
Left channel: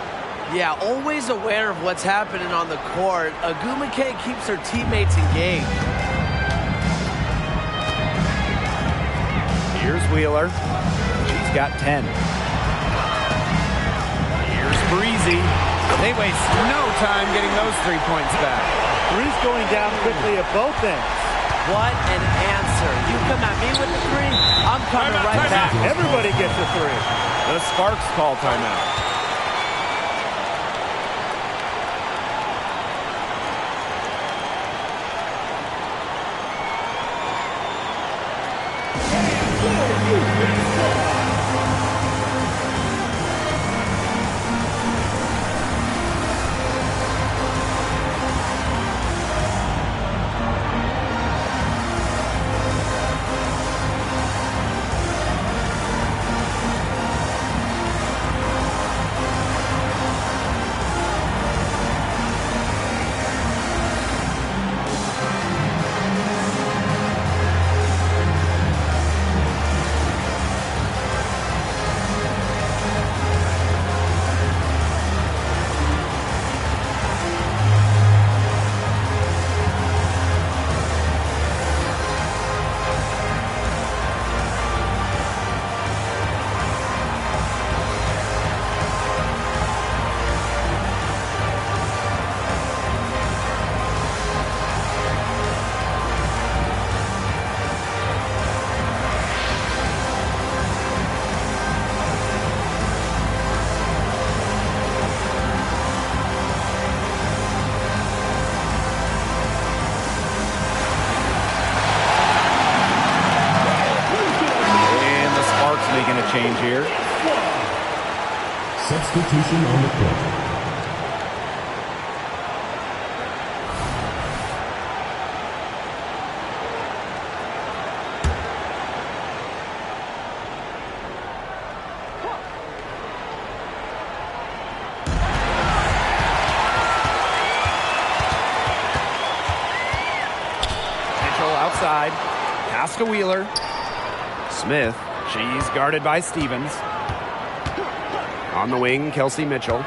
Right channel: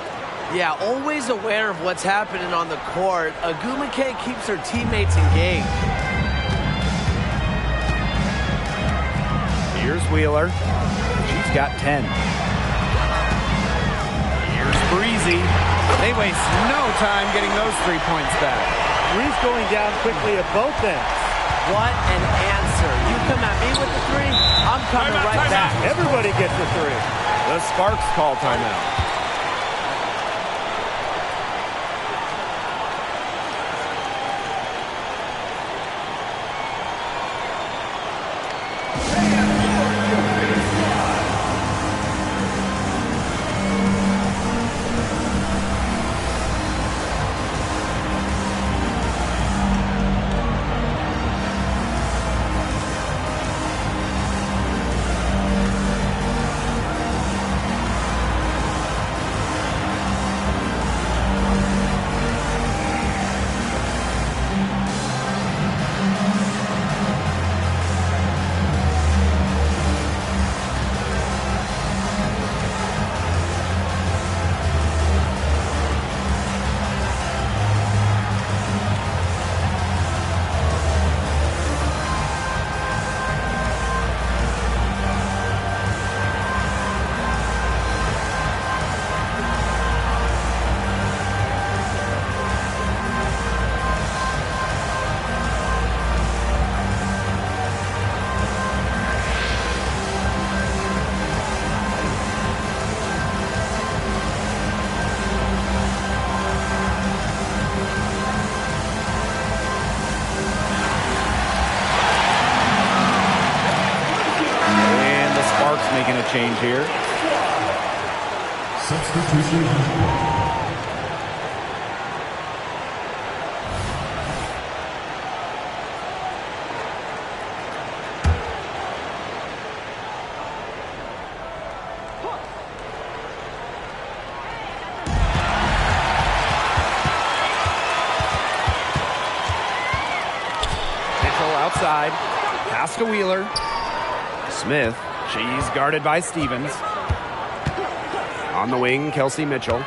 Yeah, always aware of what's happening on the court. Ogumake keeps her teammates engaged. Here's Wheeler. She's got 10. Here's Breezy. They waste no time getting those 3 points back. Three's going down quickly at both ends. What an answer. You come at me with the 3, I'm coming right back. Everybody gets a 3. The Sparks call timeout. Making a change here. Substitution on the court. outside. Pass to Wheeler. Smith. She's guarded by Stevens. On the wing, Kelsey Mitchell.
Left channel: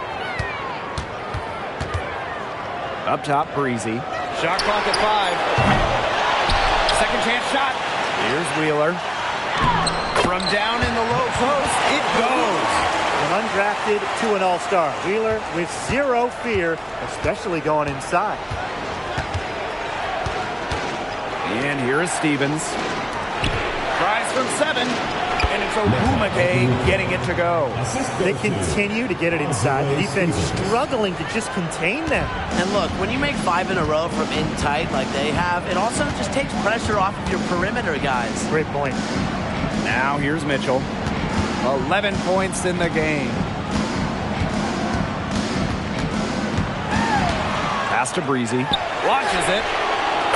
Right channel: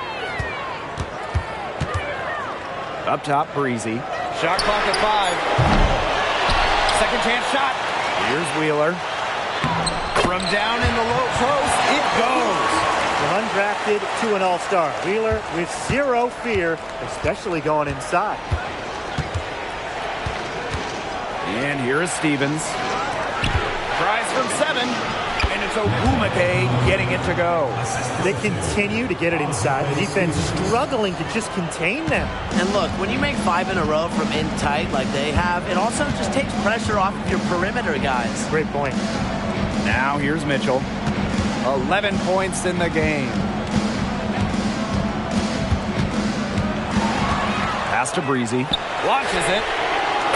Up top, Breezy. Shot clock at 5. Second chance shot. Here's Wheeler. From down in the low post, it goes. From undrafted to an all-star. Wheeler with zero fear, especially going inside. And here is Stevens. Tries from 7, and it's Ogumake getting it to go. They continue to get it inside. The defense struggling to just contain them. And look, when you make 5 in a row from in tight like they have, it also just takes pressure off of your perimeter guys. Great point. Now here's Mitchell. 11 points in the game. Pass to Breezy. Launches it.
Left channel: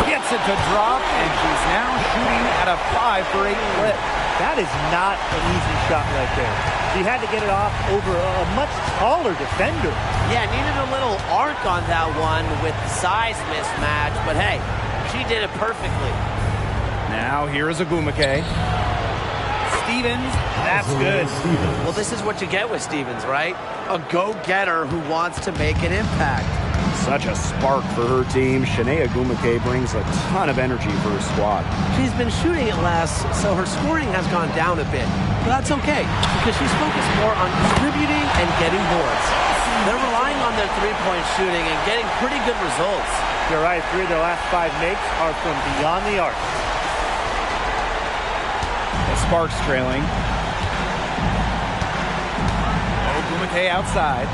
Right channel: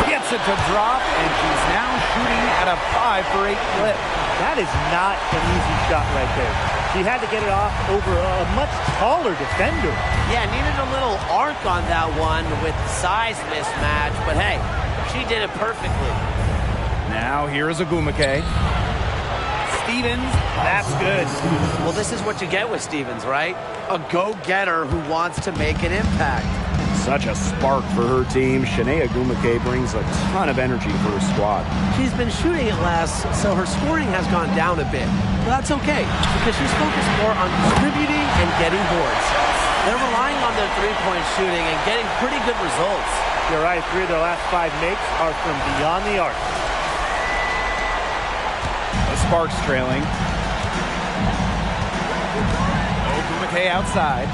Gets it to drop, and she's now shooting at a 5 for 8 clip. That is not an easy shot right there. She had to get it off over a much taller defender. Yeah, needed a little arc on that one with the size mismatch, but hey, she did it perfectly. Now here is Ogumake. Stevens, that's good. Well, this is what you get with Stevens, right? A go-getter who wants to make an impact. Such a spark for her team. Shanae Ogumake brings a ton of energy for her squad. She's been shooting it less, so her scoring has gone down a bit. But that's okay, because she's focused more on distributing and getting boards. They're relying on their three-point shooting and getting pretty good results. You're right, 3 of their last 5 makes are from beyond the arc. The Sparks trailing. Ogumake outside.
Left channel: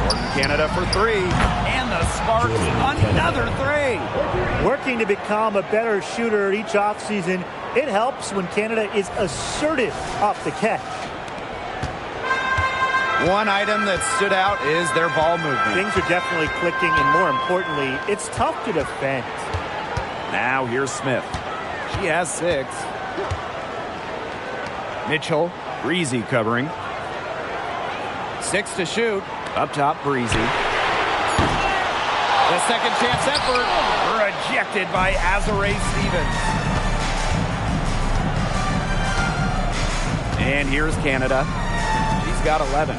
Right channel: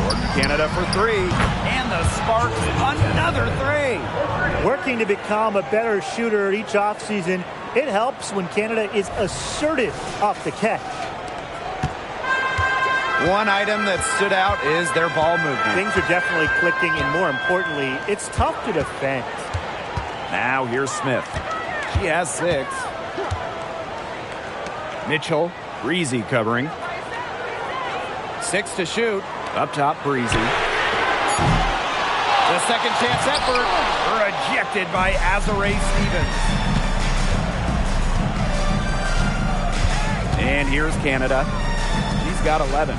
Jordan Canada for 3. And the Sparks another 3. Working to become a better shooter each offseason, it helps when Canada is assertive off the catch. One item that stood out is their ball movement. Things are definitely clicking, and more importantly, it's tough to defend. Now here's Smith. She has 6. Mitchell, Breezy covering. 6 to shoot. Up top, Breezy. The second chance effort rejected by Azare Stevens. And here's Canada. She's got 11.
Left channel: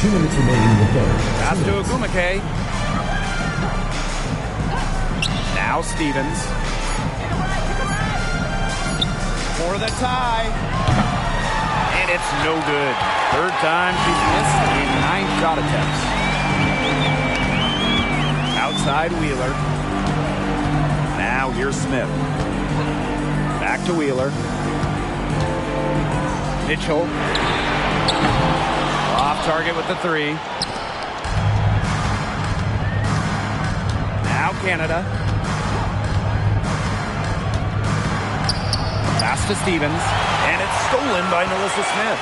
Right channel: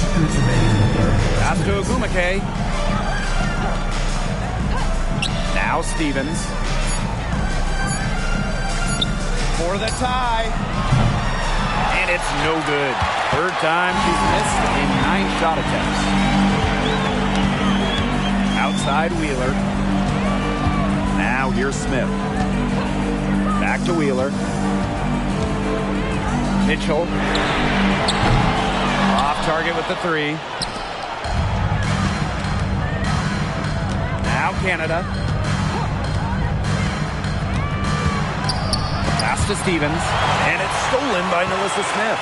2 minutes remaining in the third. Pass to Ogumake. Now Stevens. For the tie. And it's no good. Third time she's missed in 9 shot attempts. Outside Wheeler. Now here's Smith. Back to Wheeler. Mitchell. Off target with the 3. Now Canada. Pass to Stevens, and it's stolen by Nalissa Smith.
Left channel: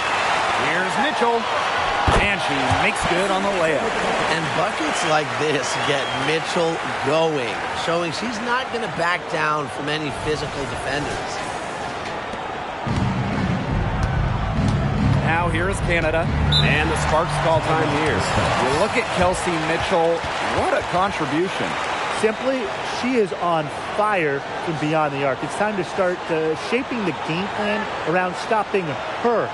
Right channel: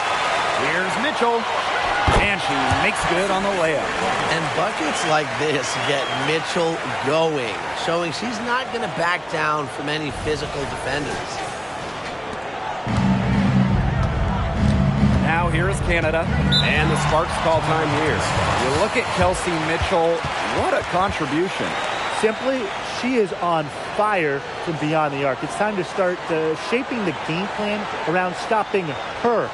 Here's Mitchell, and she makes good on the layup. And buckets like this get Mitchell going, showing she's not going to back down from any physical defenders. Now here is Canada, and the Sparks call time here. You look at Kelsey Mitchell, what a contribution. Simply, she is on fire from beyond the arc. It's time to start shaping the game plan around stopping her.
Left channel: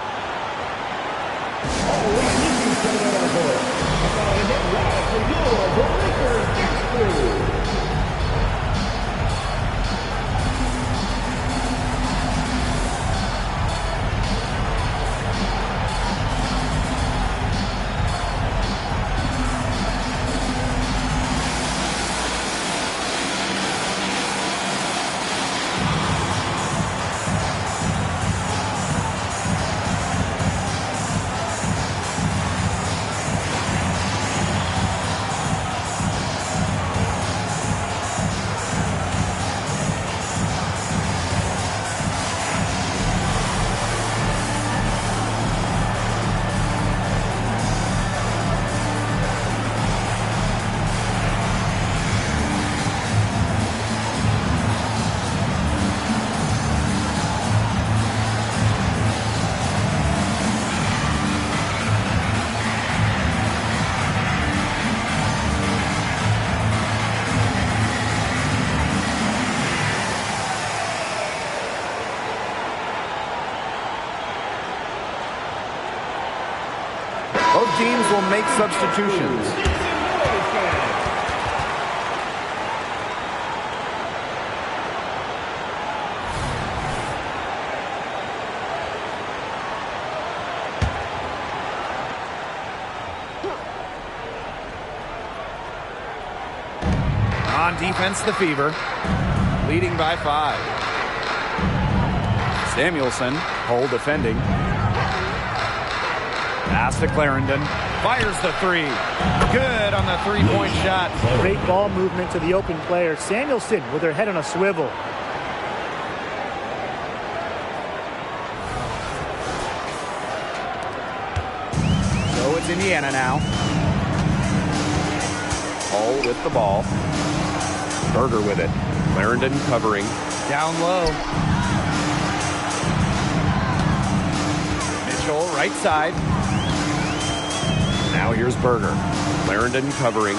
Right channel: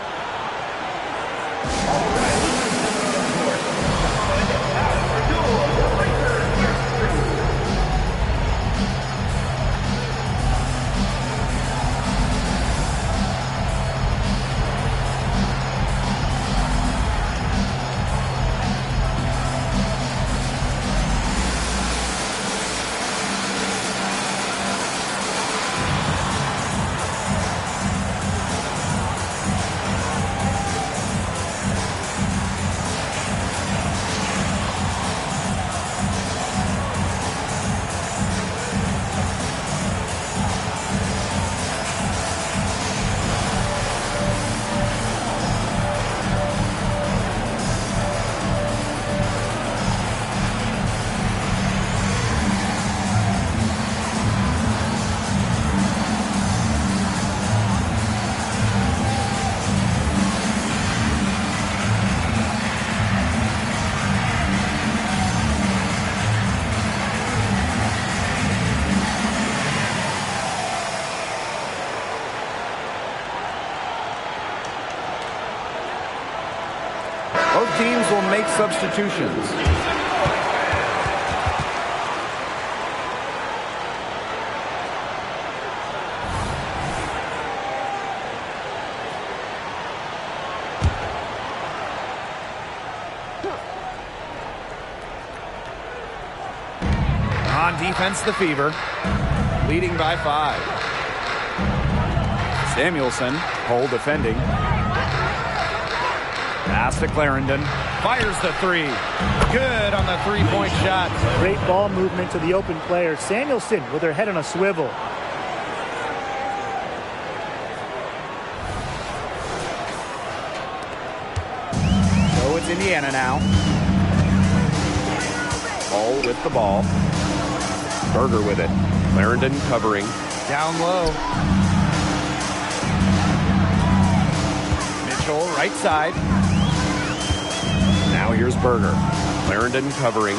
Both teams will make substitutions. On defense, the Fever, leading by 5. Samuelson, Hull defending. Pass to Clarendon. Fires the 3. Good on the three-point shot. Great ball movement to the open player. Samuelson with her head on a swivel. So it's Indiana now. Hull with the ball. Berger with it. Clarendon covering. Down low. Mitchell, right side. Now here's Berger. Clarendon covering.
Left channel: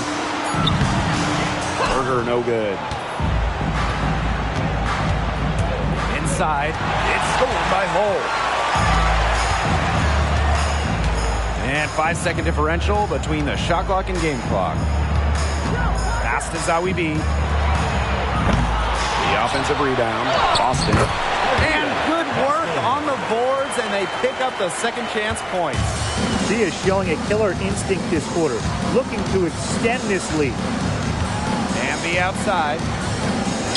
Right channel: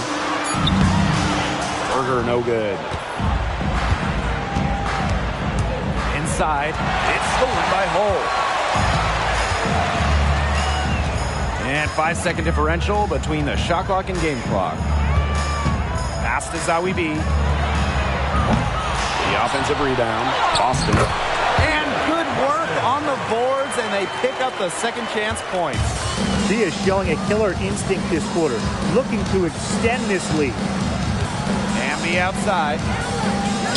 Berger no good. Inside. It's stolen by Hull. And 5-second differential between the shot clock and game clock. Pass to Zawi B. The offensive rebound. Boston. And good work on the boards, and they pick up the second chance points. She is showing a killer instinct this quarter, looking to extend this lead. Amby outside.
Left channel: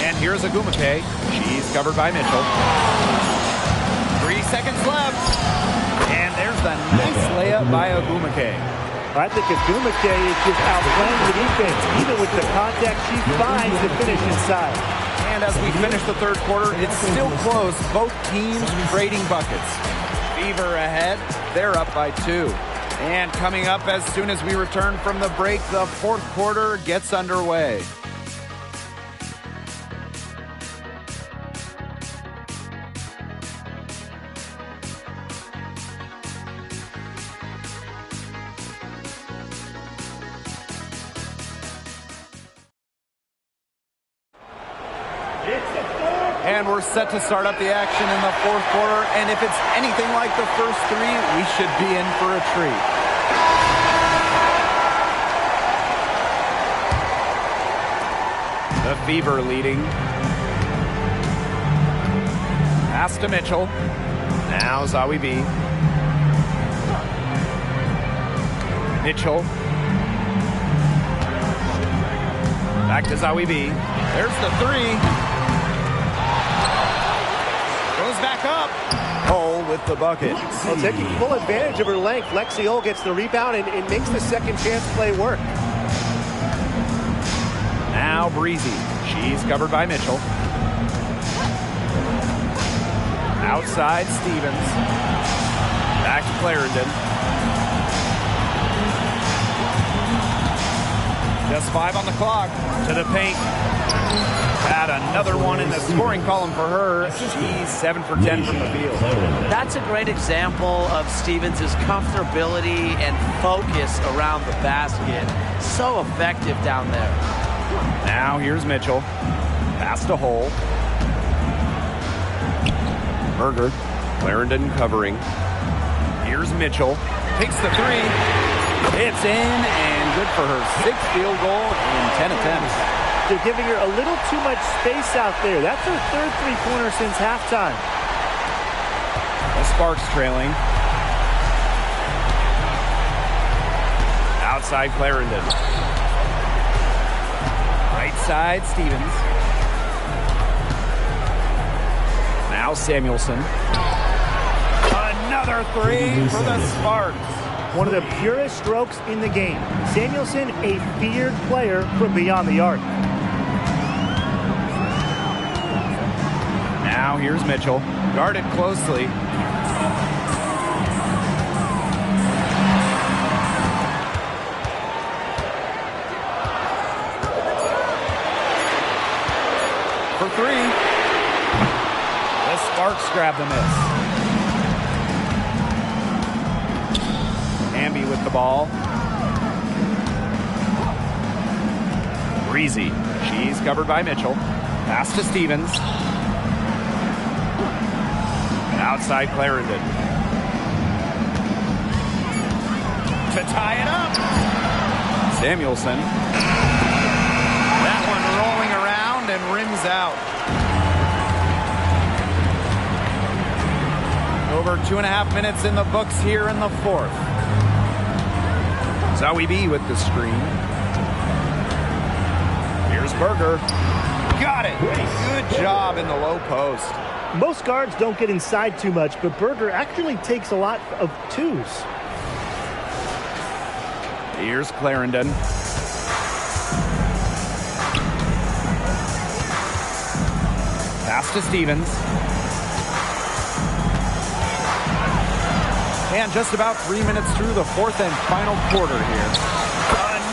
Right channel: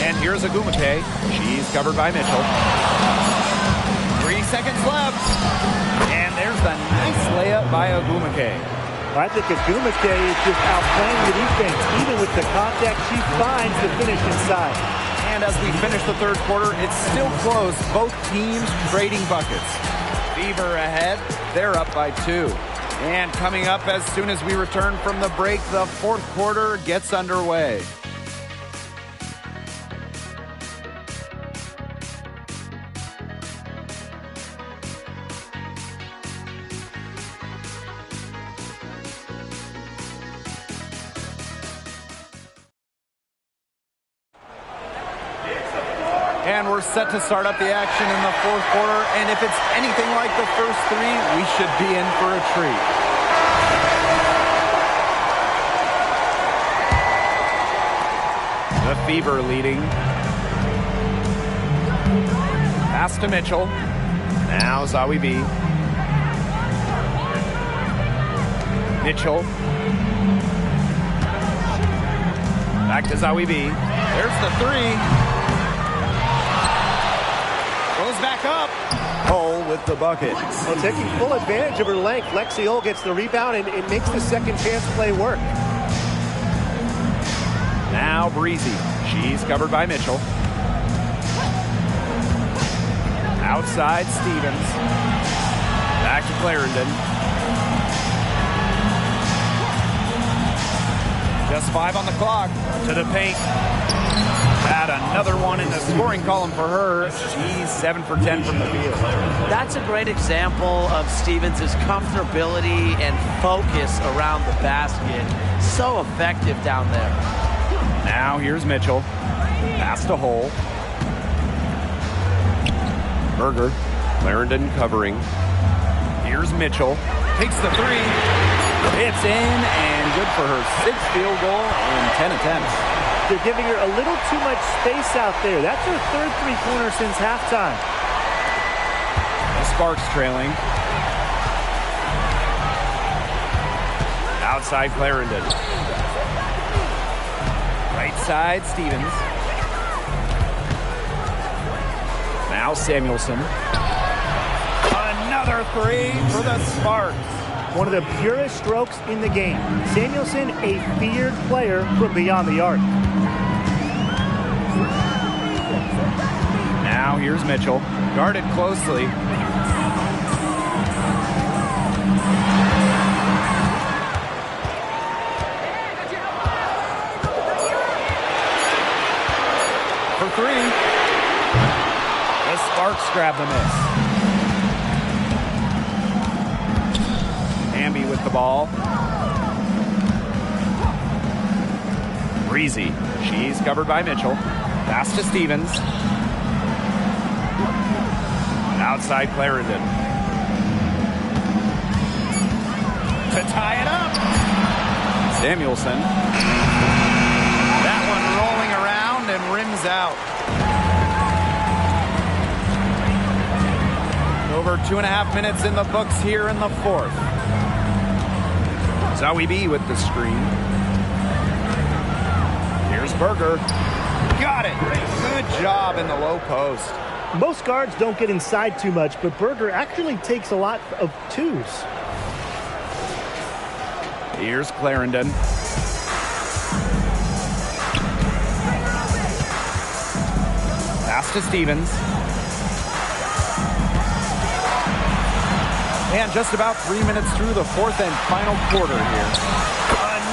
And here's Agumake. She's covered by Mitchell. 3 seconds left. And there's the nice layup by Agumake. I think Agumake is just outplaying the defense. Even with the contact, she finds the finish inside. And as we finish the third quarter, it's still close. Both teams trading buckets. Fever ahead. They're up by 2. And coming up as soon as we return from the break, the fourth quarter gets underway. And we're set to start up the action in the fourth quarter. And if it's anything like the first 3, we should be in for a treat. The Fever leading. Pass to Mitchell. Now Zawi B. Mitchell. Back to Zawi B. There's the 3. Goes back up. Hull with the bucket. Well, taking full advantage of her length, Lexi Hull gets the rebound and makes the second chance play work. Now Breezy. She's covered by Mitchell. Outside Stevens. Back to Clarendon. Just 5 on the clock. To the paint. Had another one in the scoring column for her. She's 7 for 10 from the field. That's a great example of Stevens' comfortability and focus around the basket. So effective down there. Now here's Mitchell. Pass to Hull. Berger. Clarendon covering. Here's Mitchell. Takes the 3. It's in and good for her 6th field goal in 10 attempts. They're giving her a little too much space out there. That's her 3rd three-pointer since halftime. The Sparks trailing. Outside Clarendon. Right side Stevens. Now Samuelson. Another 3 for the Sparks. One of the purest strokes in the game. Samuelson, a feared player from beyond the arc. Now here's Mitchell. Guarded closely. For 3. The Sparks grab the miss. Amby with the ball. Breezy. She's covered by Mitchell. Pass to Stevens. Outside Clarendon. to tie it up. Samuelson. That one rolling around and rims out. Over 2.5 minutes in the books here in the fourth. Zoe B with the screen. Here's Berger. Got it. Good job in the low post. Most guards don't get inside too much, but Berger actually takes a lot of twos. Here's Clarendon. Pass to Stevens. And just about 3 minutes through the fourth and final quarter here.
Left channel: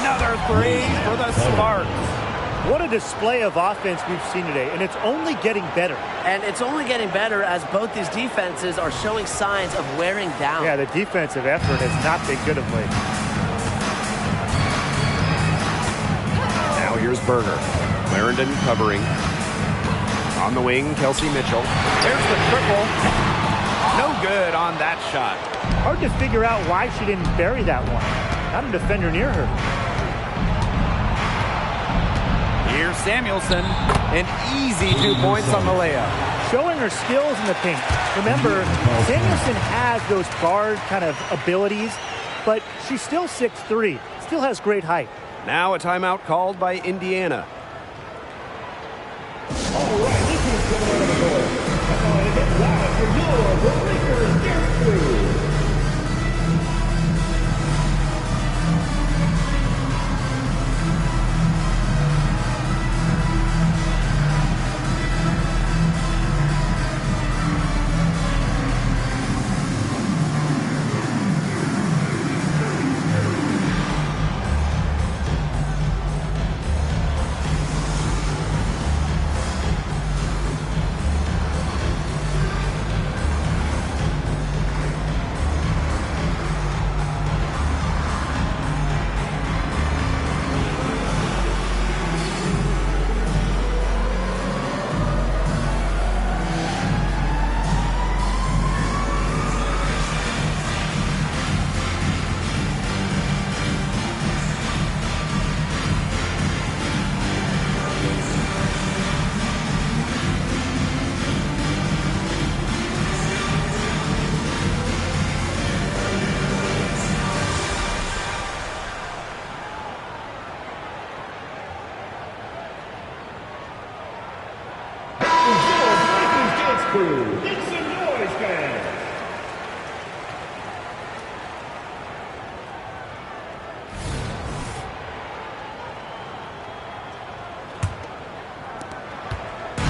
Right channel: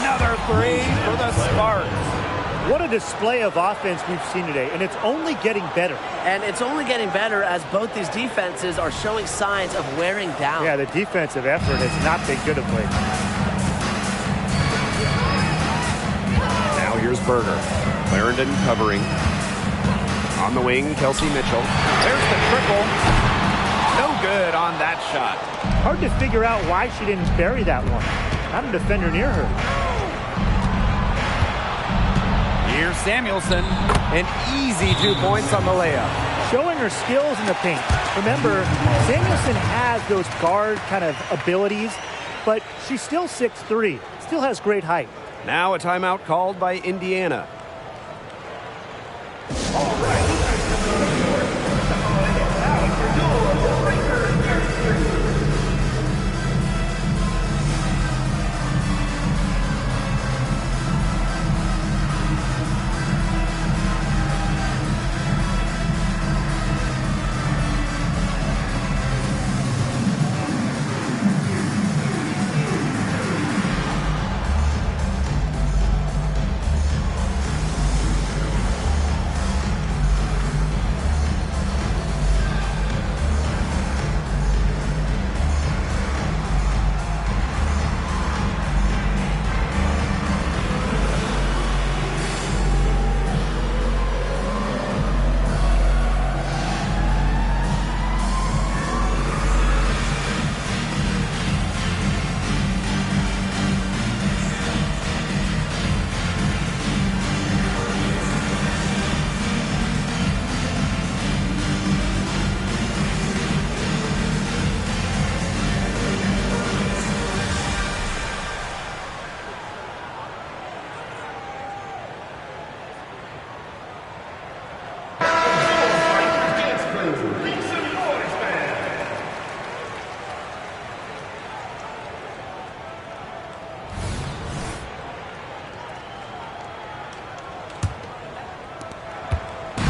Another three for the Sparks. What a display of offense we've seen today, and it's only getting better. And it's only getting better as both these defenses are showing signs of wearing down. Yeah, the defensive effort has not been good of late. Now here's Berger. Clarendon covering. On the wing, Kelsey Mitchell. There's the triple. No good on that shot. Hard to figure out why she didn't bury that one. Not a defender near her. Here's Samuelson. An easy 2 points on the layup. Showing her skills in the paint. Remember, Samuelson has those guard kind of abilities, but she's still 6'3", still has great height. Now a timeout called by Indiana.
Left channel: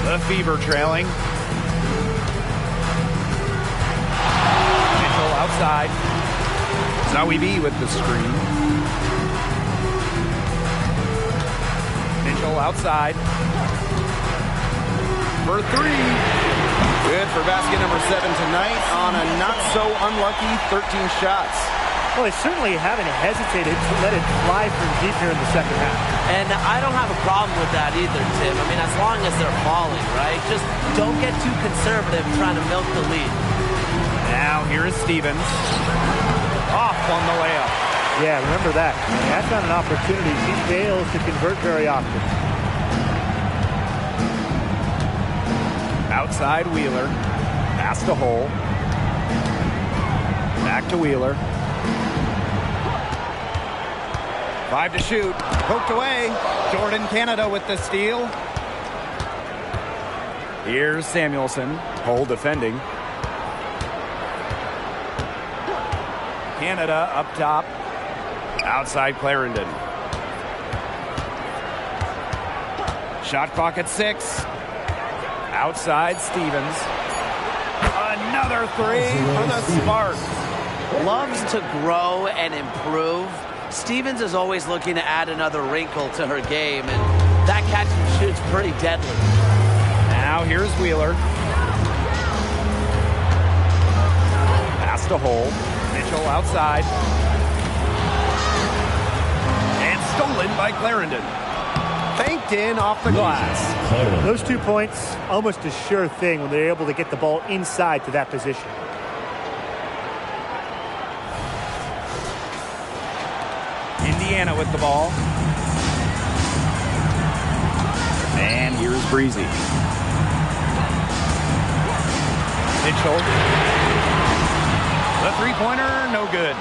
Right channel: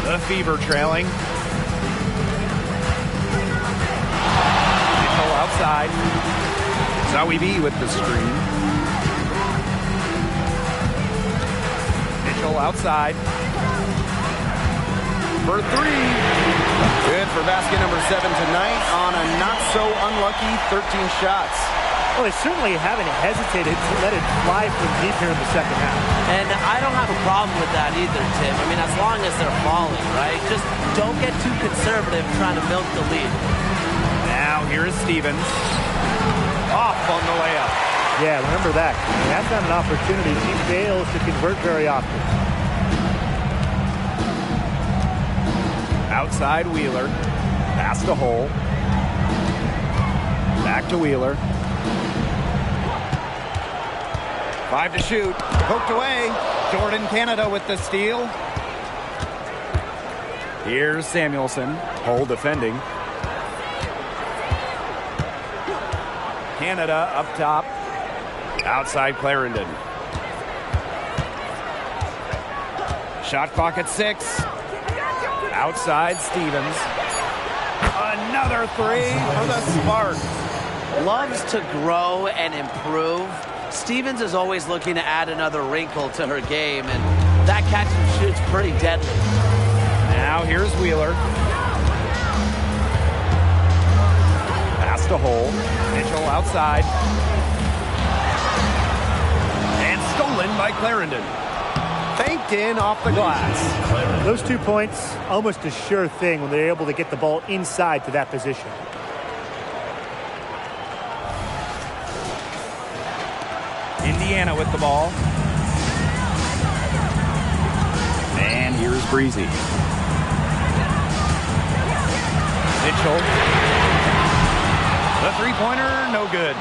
The Fever trailing. Mitchell outside. Zoe B with the screen. Mitchell outside. For three. Good for basket number 7 tonight on a not-so-unlucky 13 shots. Well, they certainly haven't hesitated to let it fly from deep here in the second half. And I don't have a problem with that either, Tim. I mean, as long as they're falling, right? Just don't get too conservative trying to milk the lead. Now here is Stevens. Off on the layup. Yeah, remember that. I mean, that's not an opportunity she fails to convert very often. Outside Wheeler. Pass to Hole. Back to Wheeler. 5 to shoot. Poked away. Jordan Canada with the steal. Here's Samuelson. Hole defending. Canada up top. Outside Clarendon. Shot clock at 6. Outside Stevens. Another three for the Sparks. Loves to grow and improve. Stevens is always looking to add another wrinkle to her game, and that catch and shoot's pretty deadly. Now here's Wheeler. Pass to Hole. Mitchell outside. And stolen by Clarendon. Banked in off the glass. Those 2 points, almost a sure thing when they're able to get the ball inside to that position. Indiana with the ball. And here's Breezy. Mitchell. The three-pointer, no good.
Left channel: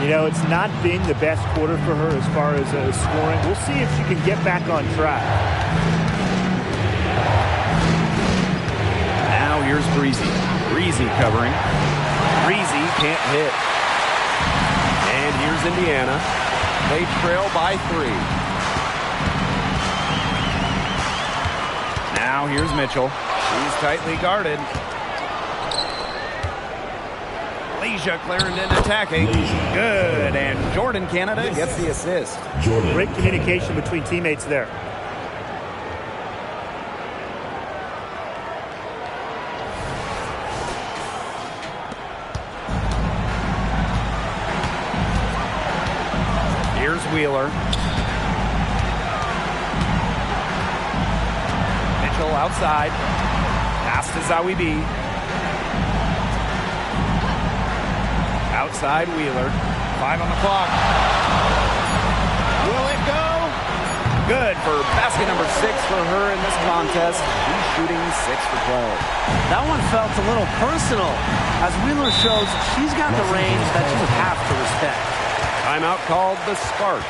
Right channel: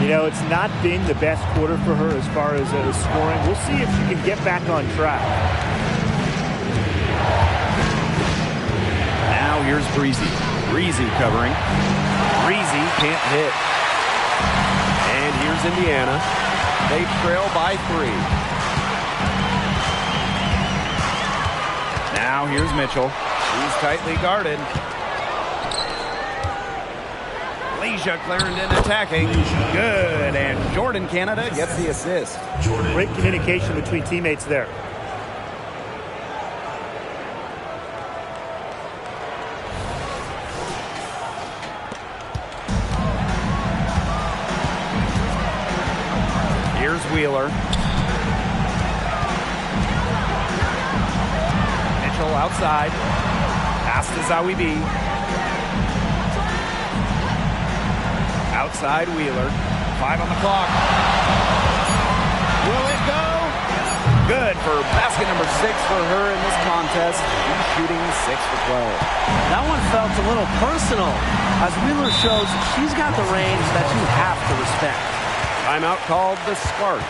You know, it's not been the best quarter for her as far as scoring. We'll see if she can get back on track. Now here's Breezy. Breezy covering. Breezy can't hit. And here's Indiana. They trail by 3. Now here's Mitchell. She's tightly guarded. Leisha Clarendon attacking. Good. And Jordan Canada gets the assist. Great communication between teammates there. Here's Wheeler. Mitchell outside. Pass to Zawi B. Outside Wheeler. 5 on the clock. Will it go? Good for basket number 6 for her in this contest. She's shooting 6 for 12. That one felt a little personal, as Wheeler shows she's got the range that you have to respect. Timeout called the Sparks.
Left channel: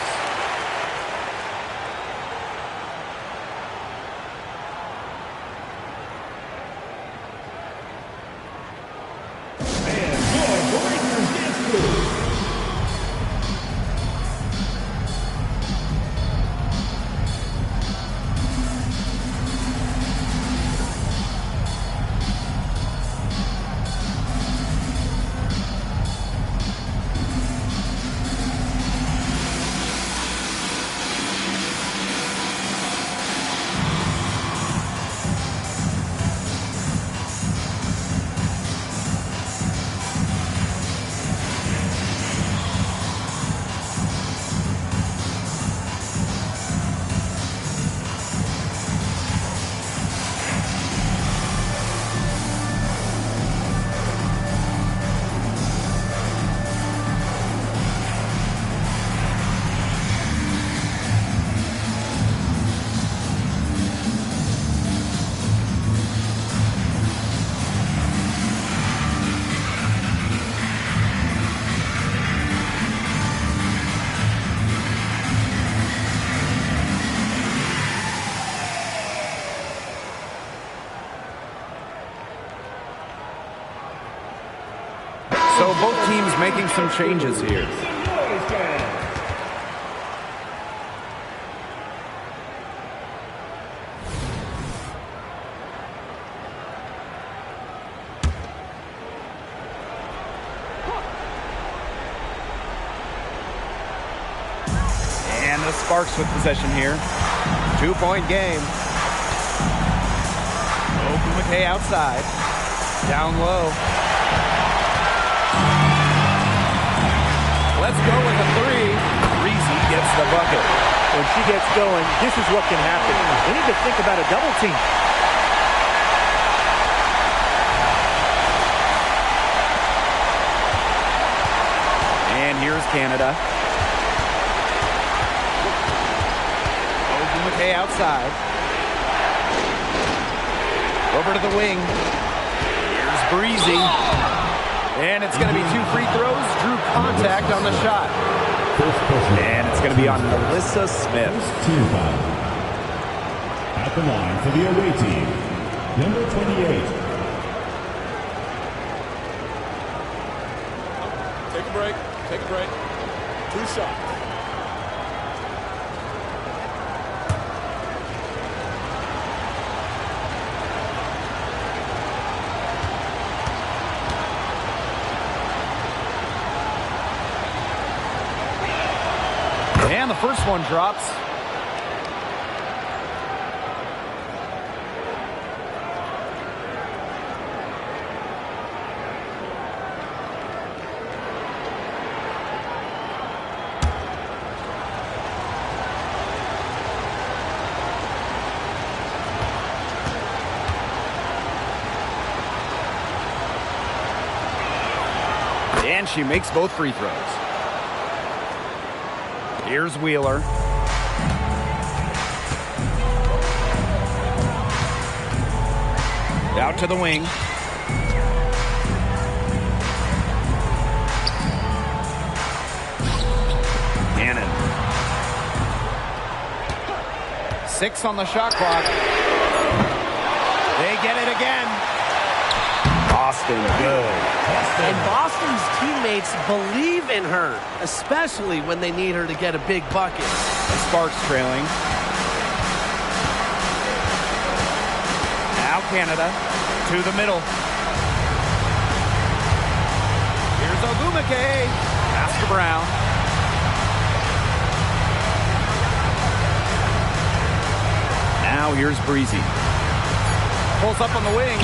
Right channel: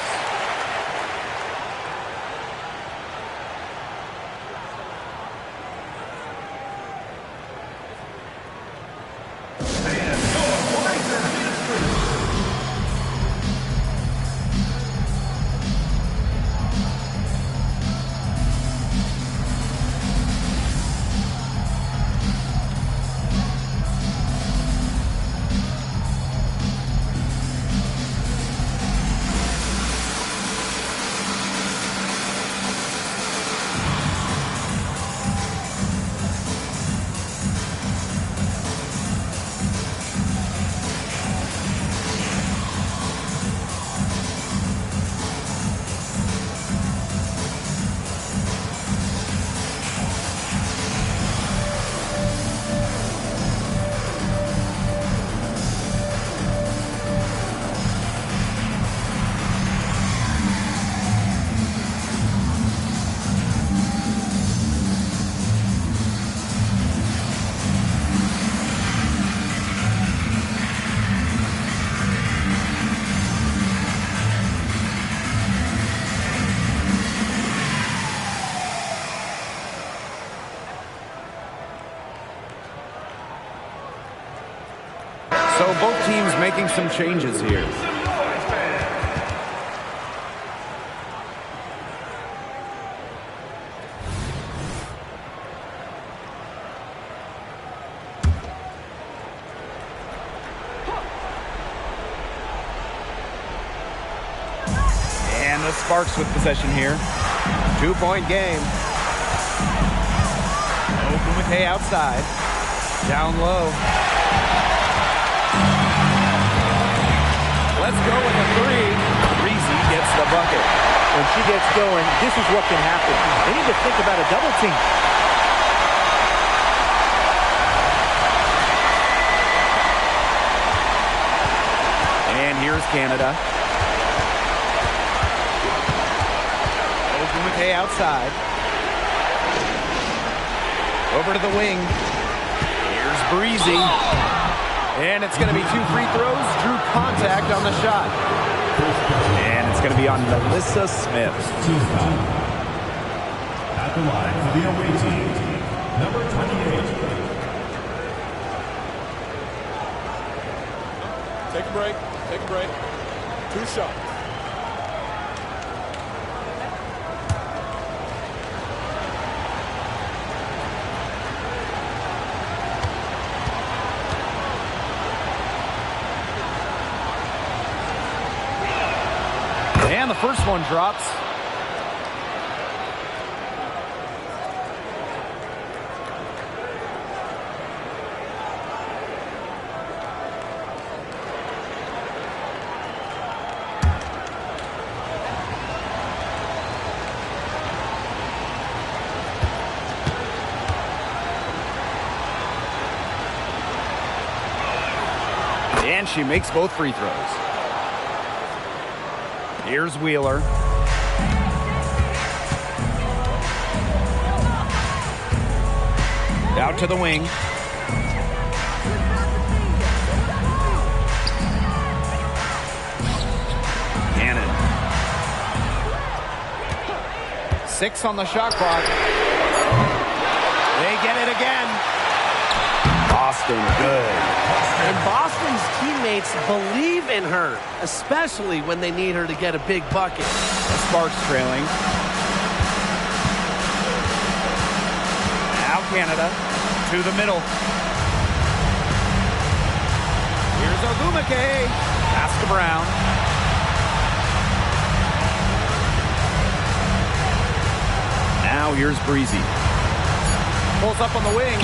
So both teams making some changes here. And the Sparks with possession here. 2-point game. Ogumake outside. Down low. Let's go with a 3. Breezy gets the bucket. When she gets going, this is what can happen. They need to think about a double team. And here's Canada. Ogumake outside. Over to the wing. Here's Breezy. And it's going to be 2 free throws. Drew contact on the shot. And it's going to be on Melissa Smith. Team foul. At the line for the away team, number 28. Take a break. Take a break. 2 shots. And the first one drops. And she makes both free throws. Here's Wheeler. Out to the wing. Cannon. 6 on the shot clock. They get it again. Boston, good. And Boston's teammates believe in her, especially when they need her to get a big bucket. The Sparks trailing. Now Canada to the middle. Here's Ogumake. Pass to Brown. Now here's Breezy. Pulls up on the wing.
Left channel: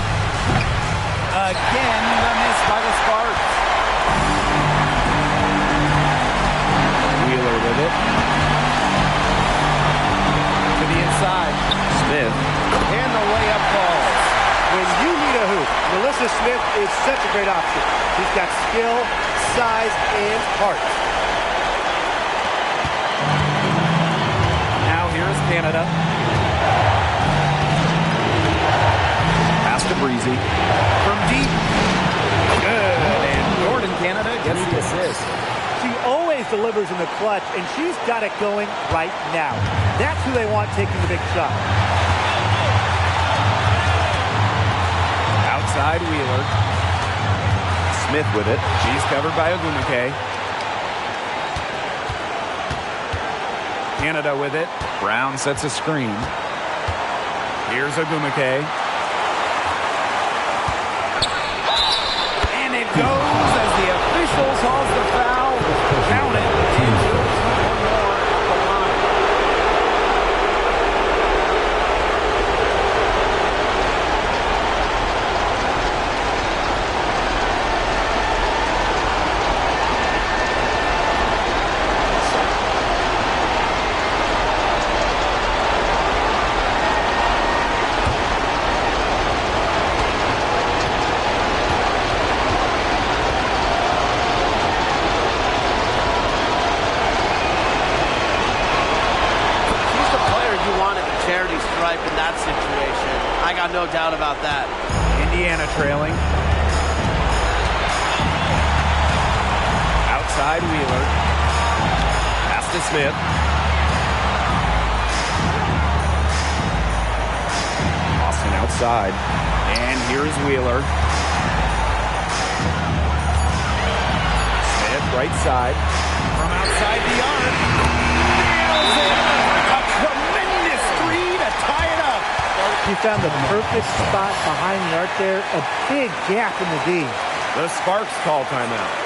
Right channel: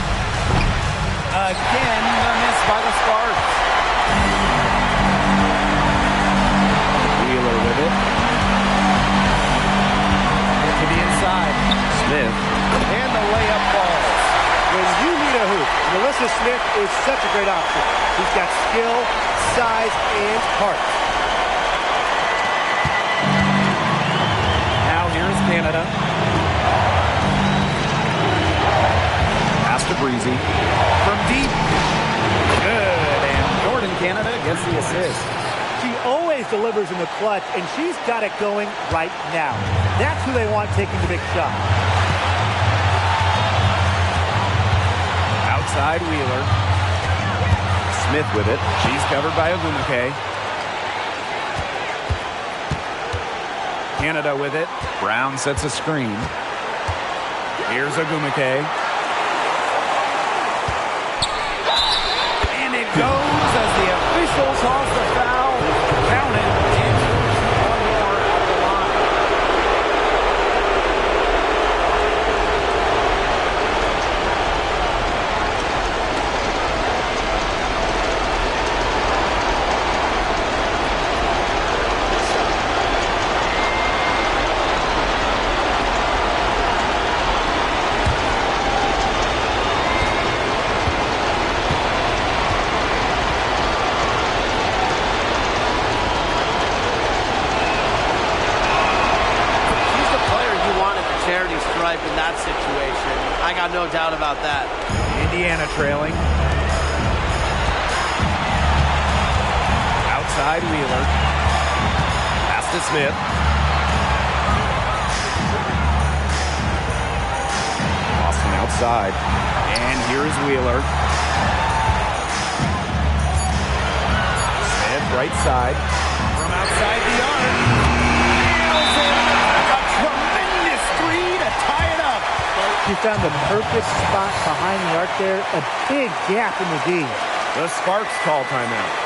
Again, the miss by the Sparks. Wheeler with it. To the inside. Smith. And the layup falls. When you need a hoop, Melissa Smith is such a great option. She's got skill, size, and heart. Now here's Canada. Pass to Breezy. From deep. Good. And Jordan Canada gets the assist. She always delivers in the clutch, and she's got it going right now. That's who they want taking the big shot. Outside Wheeler. Smith with it. She's covered by Ogumake. Canada with it. Brown sets a screen. Here's Ogumake. And it goes as the official calls the foul. Count it. And she'll shoot one more at the line. Charity stripe in that situation. I got no doubt about that. Indiana trailing. Outside Wheeler. Pass to Smith. Boston outside. And here's Wheeler. Smith right side. From outside the arc. Nails it. A tremendous three to tie it up. She found the perfect spot behind the arc there. A big gap in the D. The Sparks call timeout.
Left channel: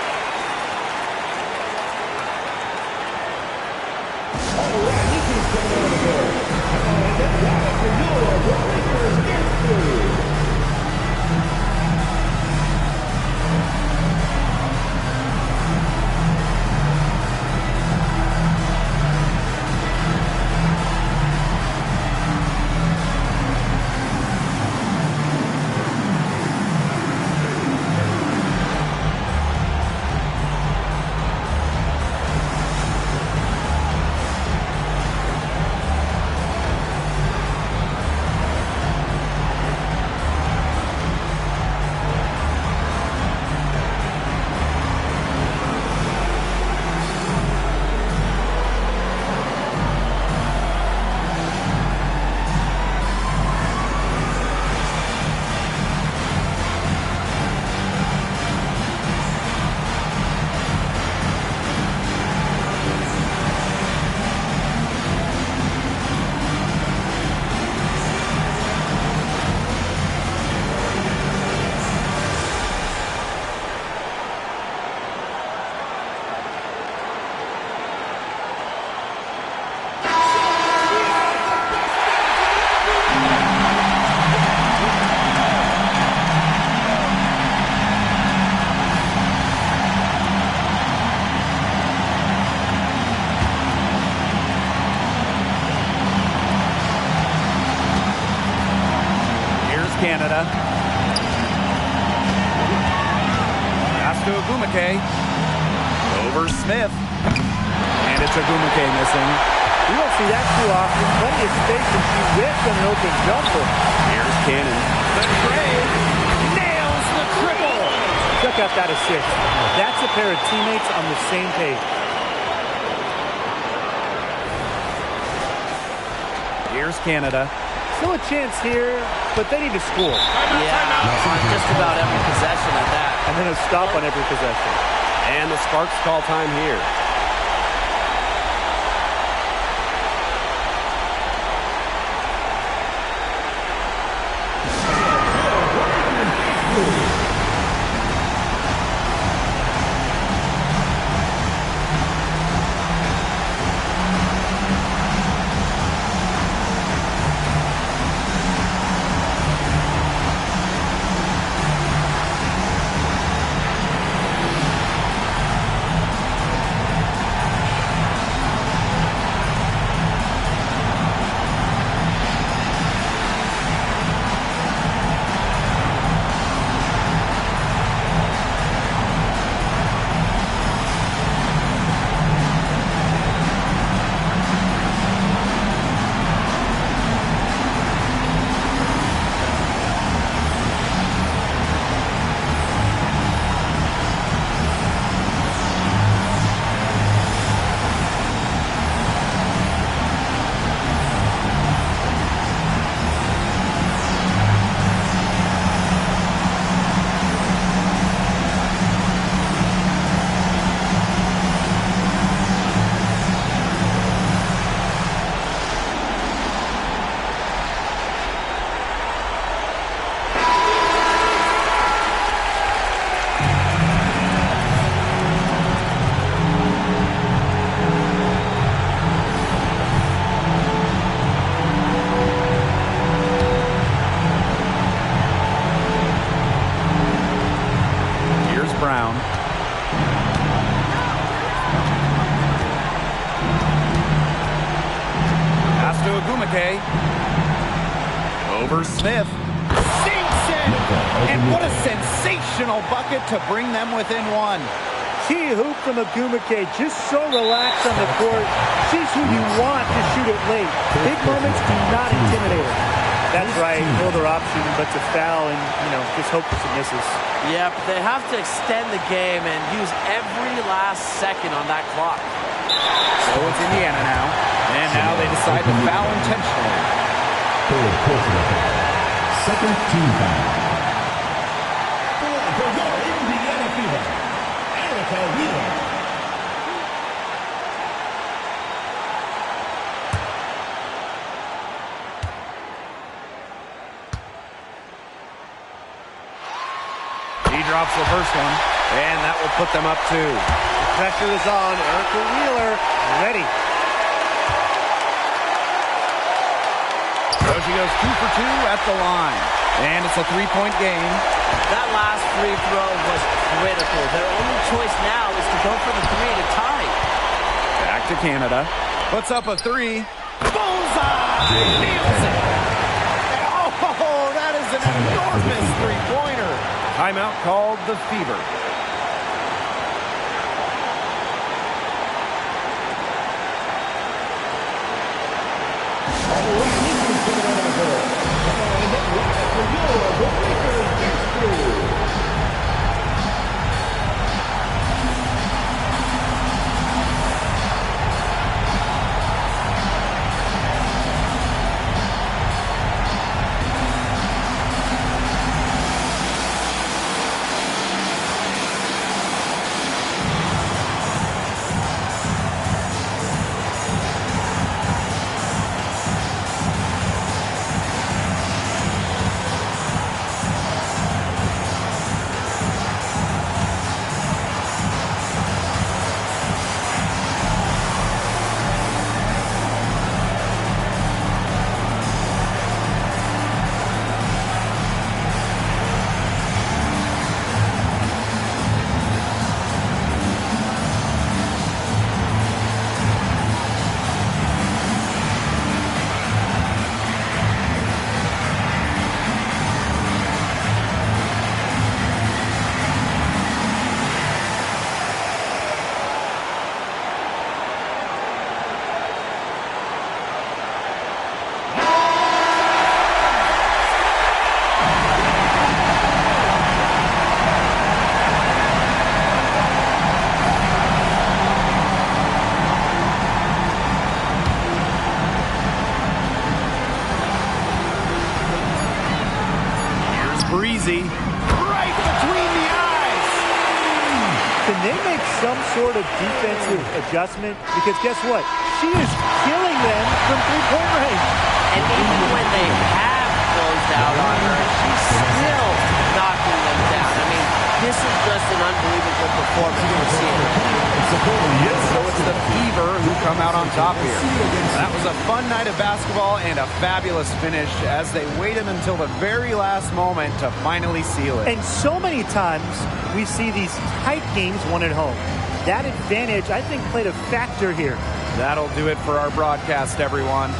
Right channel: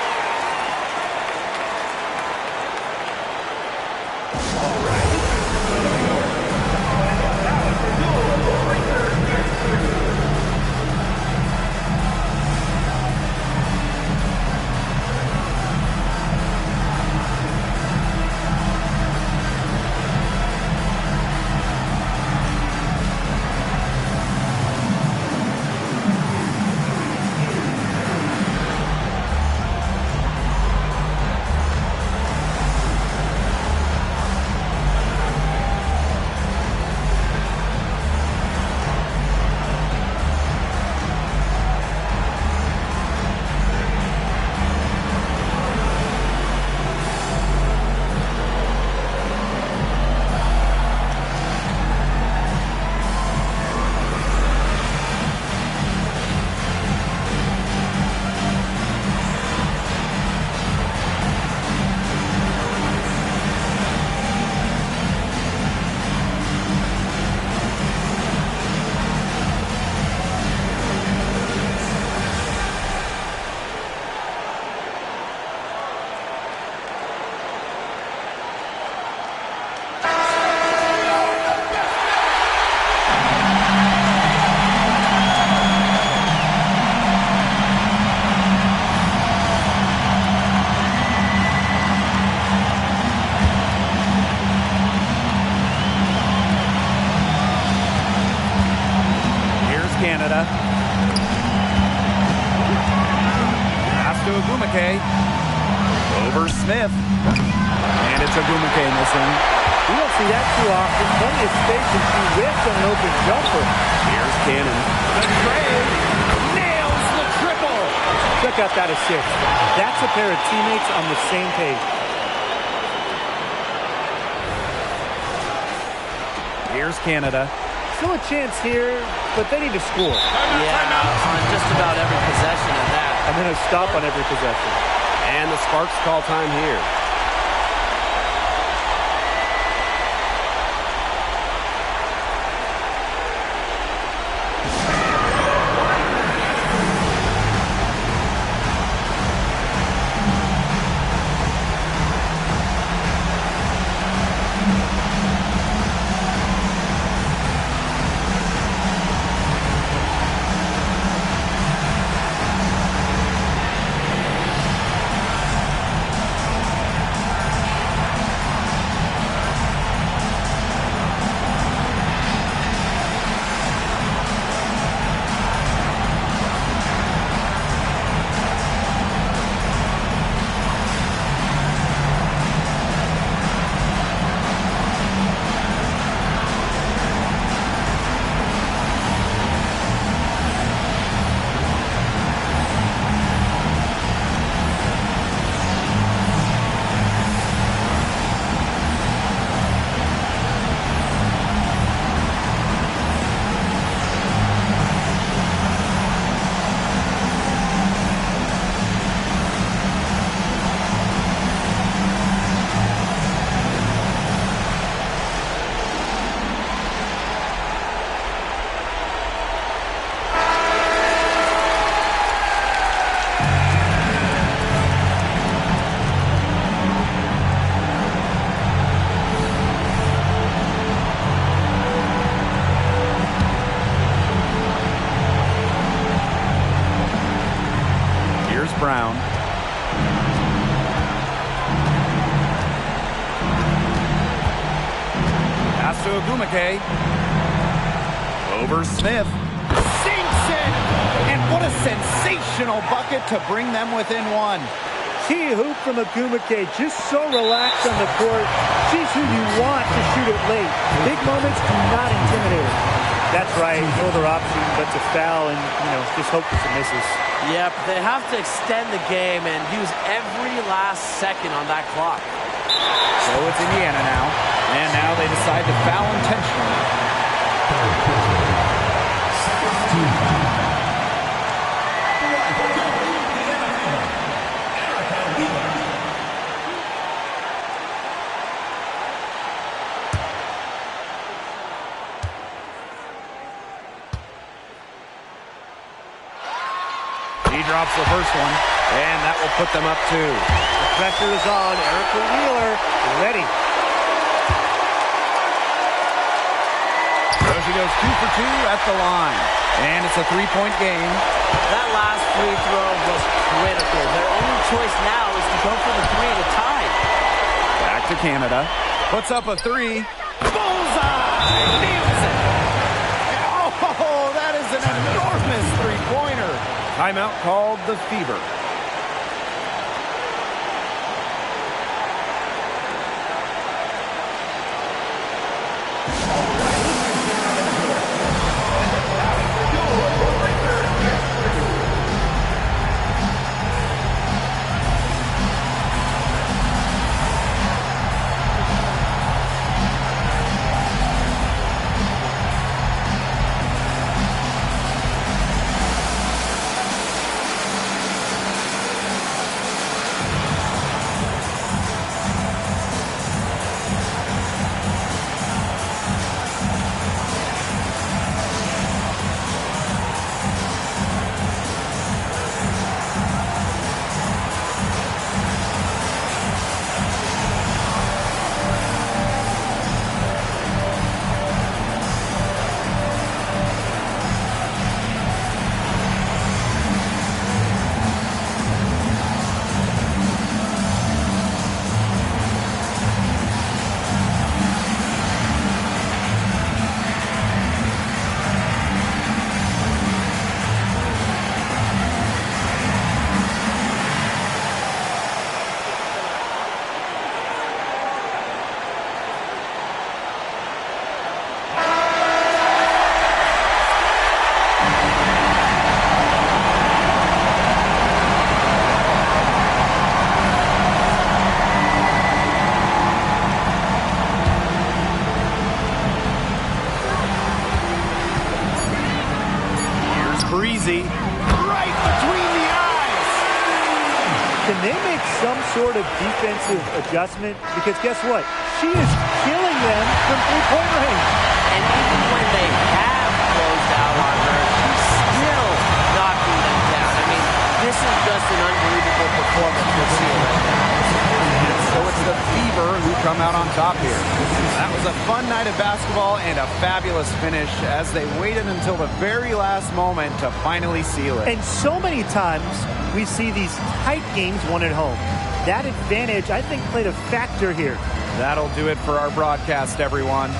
Canada. Pass to Ogumake. Over Smith. And it's Ogumake missing. We don't see that too often. Plenty of space, and she whiffs on an open jumper. Here's Cannon. The tray nails the triple. Check out that assist. That's a pair of teammates on the same page. Here's Canada. Still a chance here, but they need to score. Timeout. On just about every possession at that. And then a stop on every possession. And the Sparks call time here. Brown. Pass to Ogumake. Over Smith. Sinks it! And what a sensational bucket to bring them within one. Key hoop from Ogumake, just so relaxed on the court. She's who you want to shoot it late. Big moments do not intimidate her. That's right, no other option but to foul and, just hope for some misses. Yep, they have to extend the game and use every last second on that clock. So it's Indiana now. And now they decide to foul intentionally. Third personal foul. Second team foul. For the Indiana Fever, Erica Wheeler. He drops the first one, and that will put them up 2. The pressure is on. Erica Wheeler ready. So she goes 2 for 2 at the line. And it's a 3-point game. That last free throw was critical. Their only choice now is to go for the 3 to tie. Back to Canada. Puts up a 3. Bullseye! Nails it! Oh, that is an enormous three-pointer. Timeout called the Fever. Lindsay, right between the eyes. Can they make some sort of defensive adjustment? Because guess what? She is killing them from three-point range. And even when they have closed out on her, she's still knocking them down. I mean, this is just an unbelievable performance we're seeing right now. And so it's the Fever who come out on top here. That was a fun night of basketball and a fabulous finish as they waited until the very last moment to finally seal it. And so many times we see these tight games won at home. That advantage, I think, played a factor here. That'll do it for our broadcast, everyone.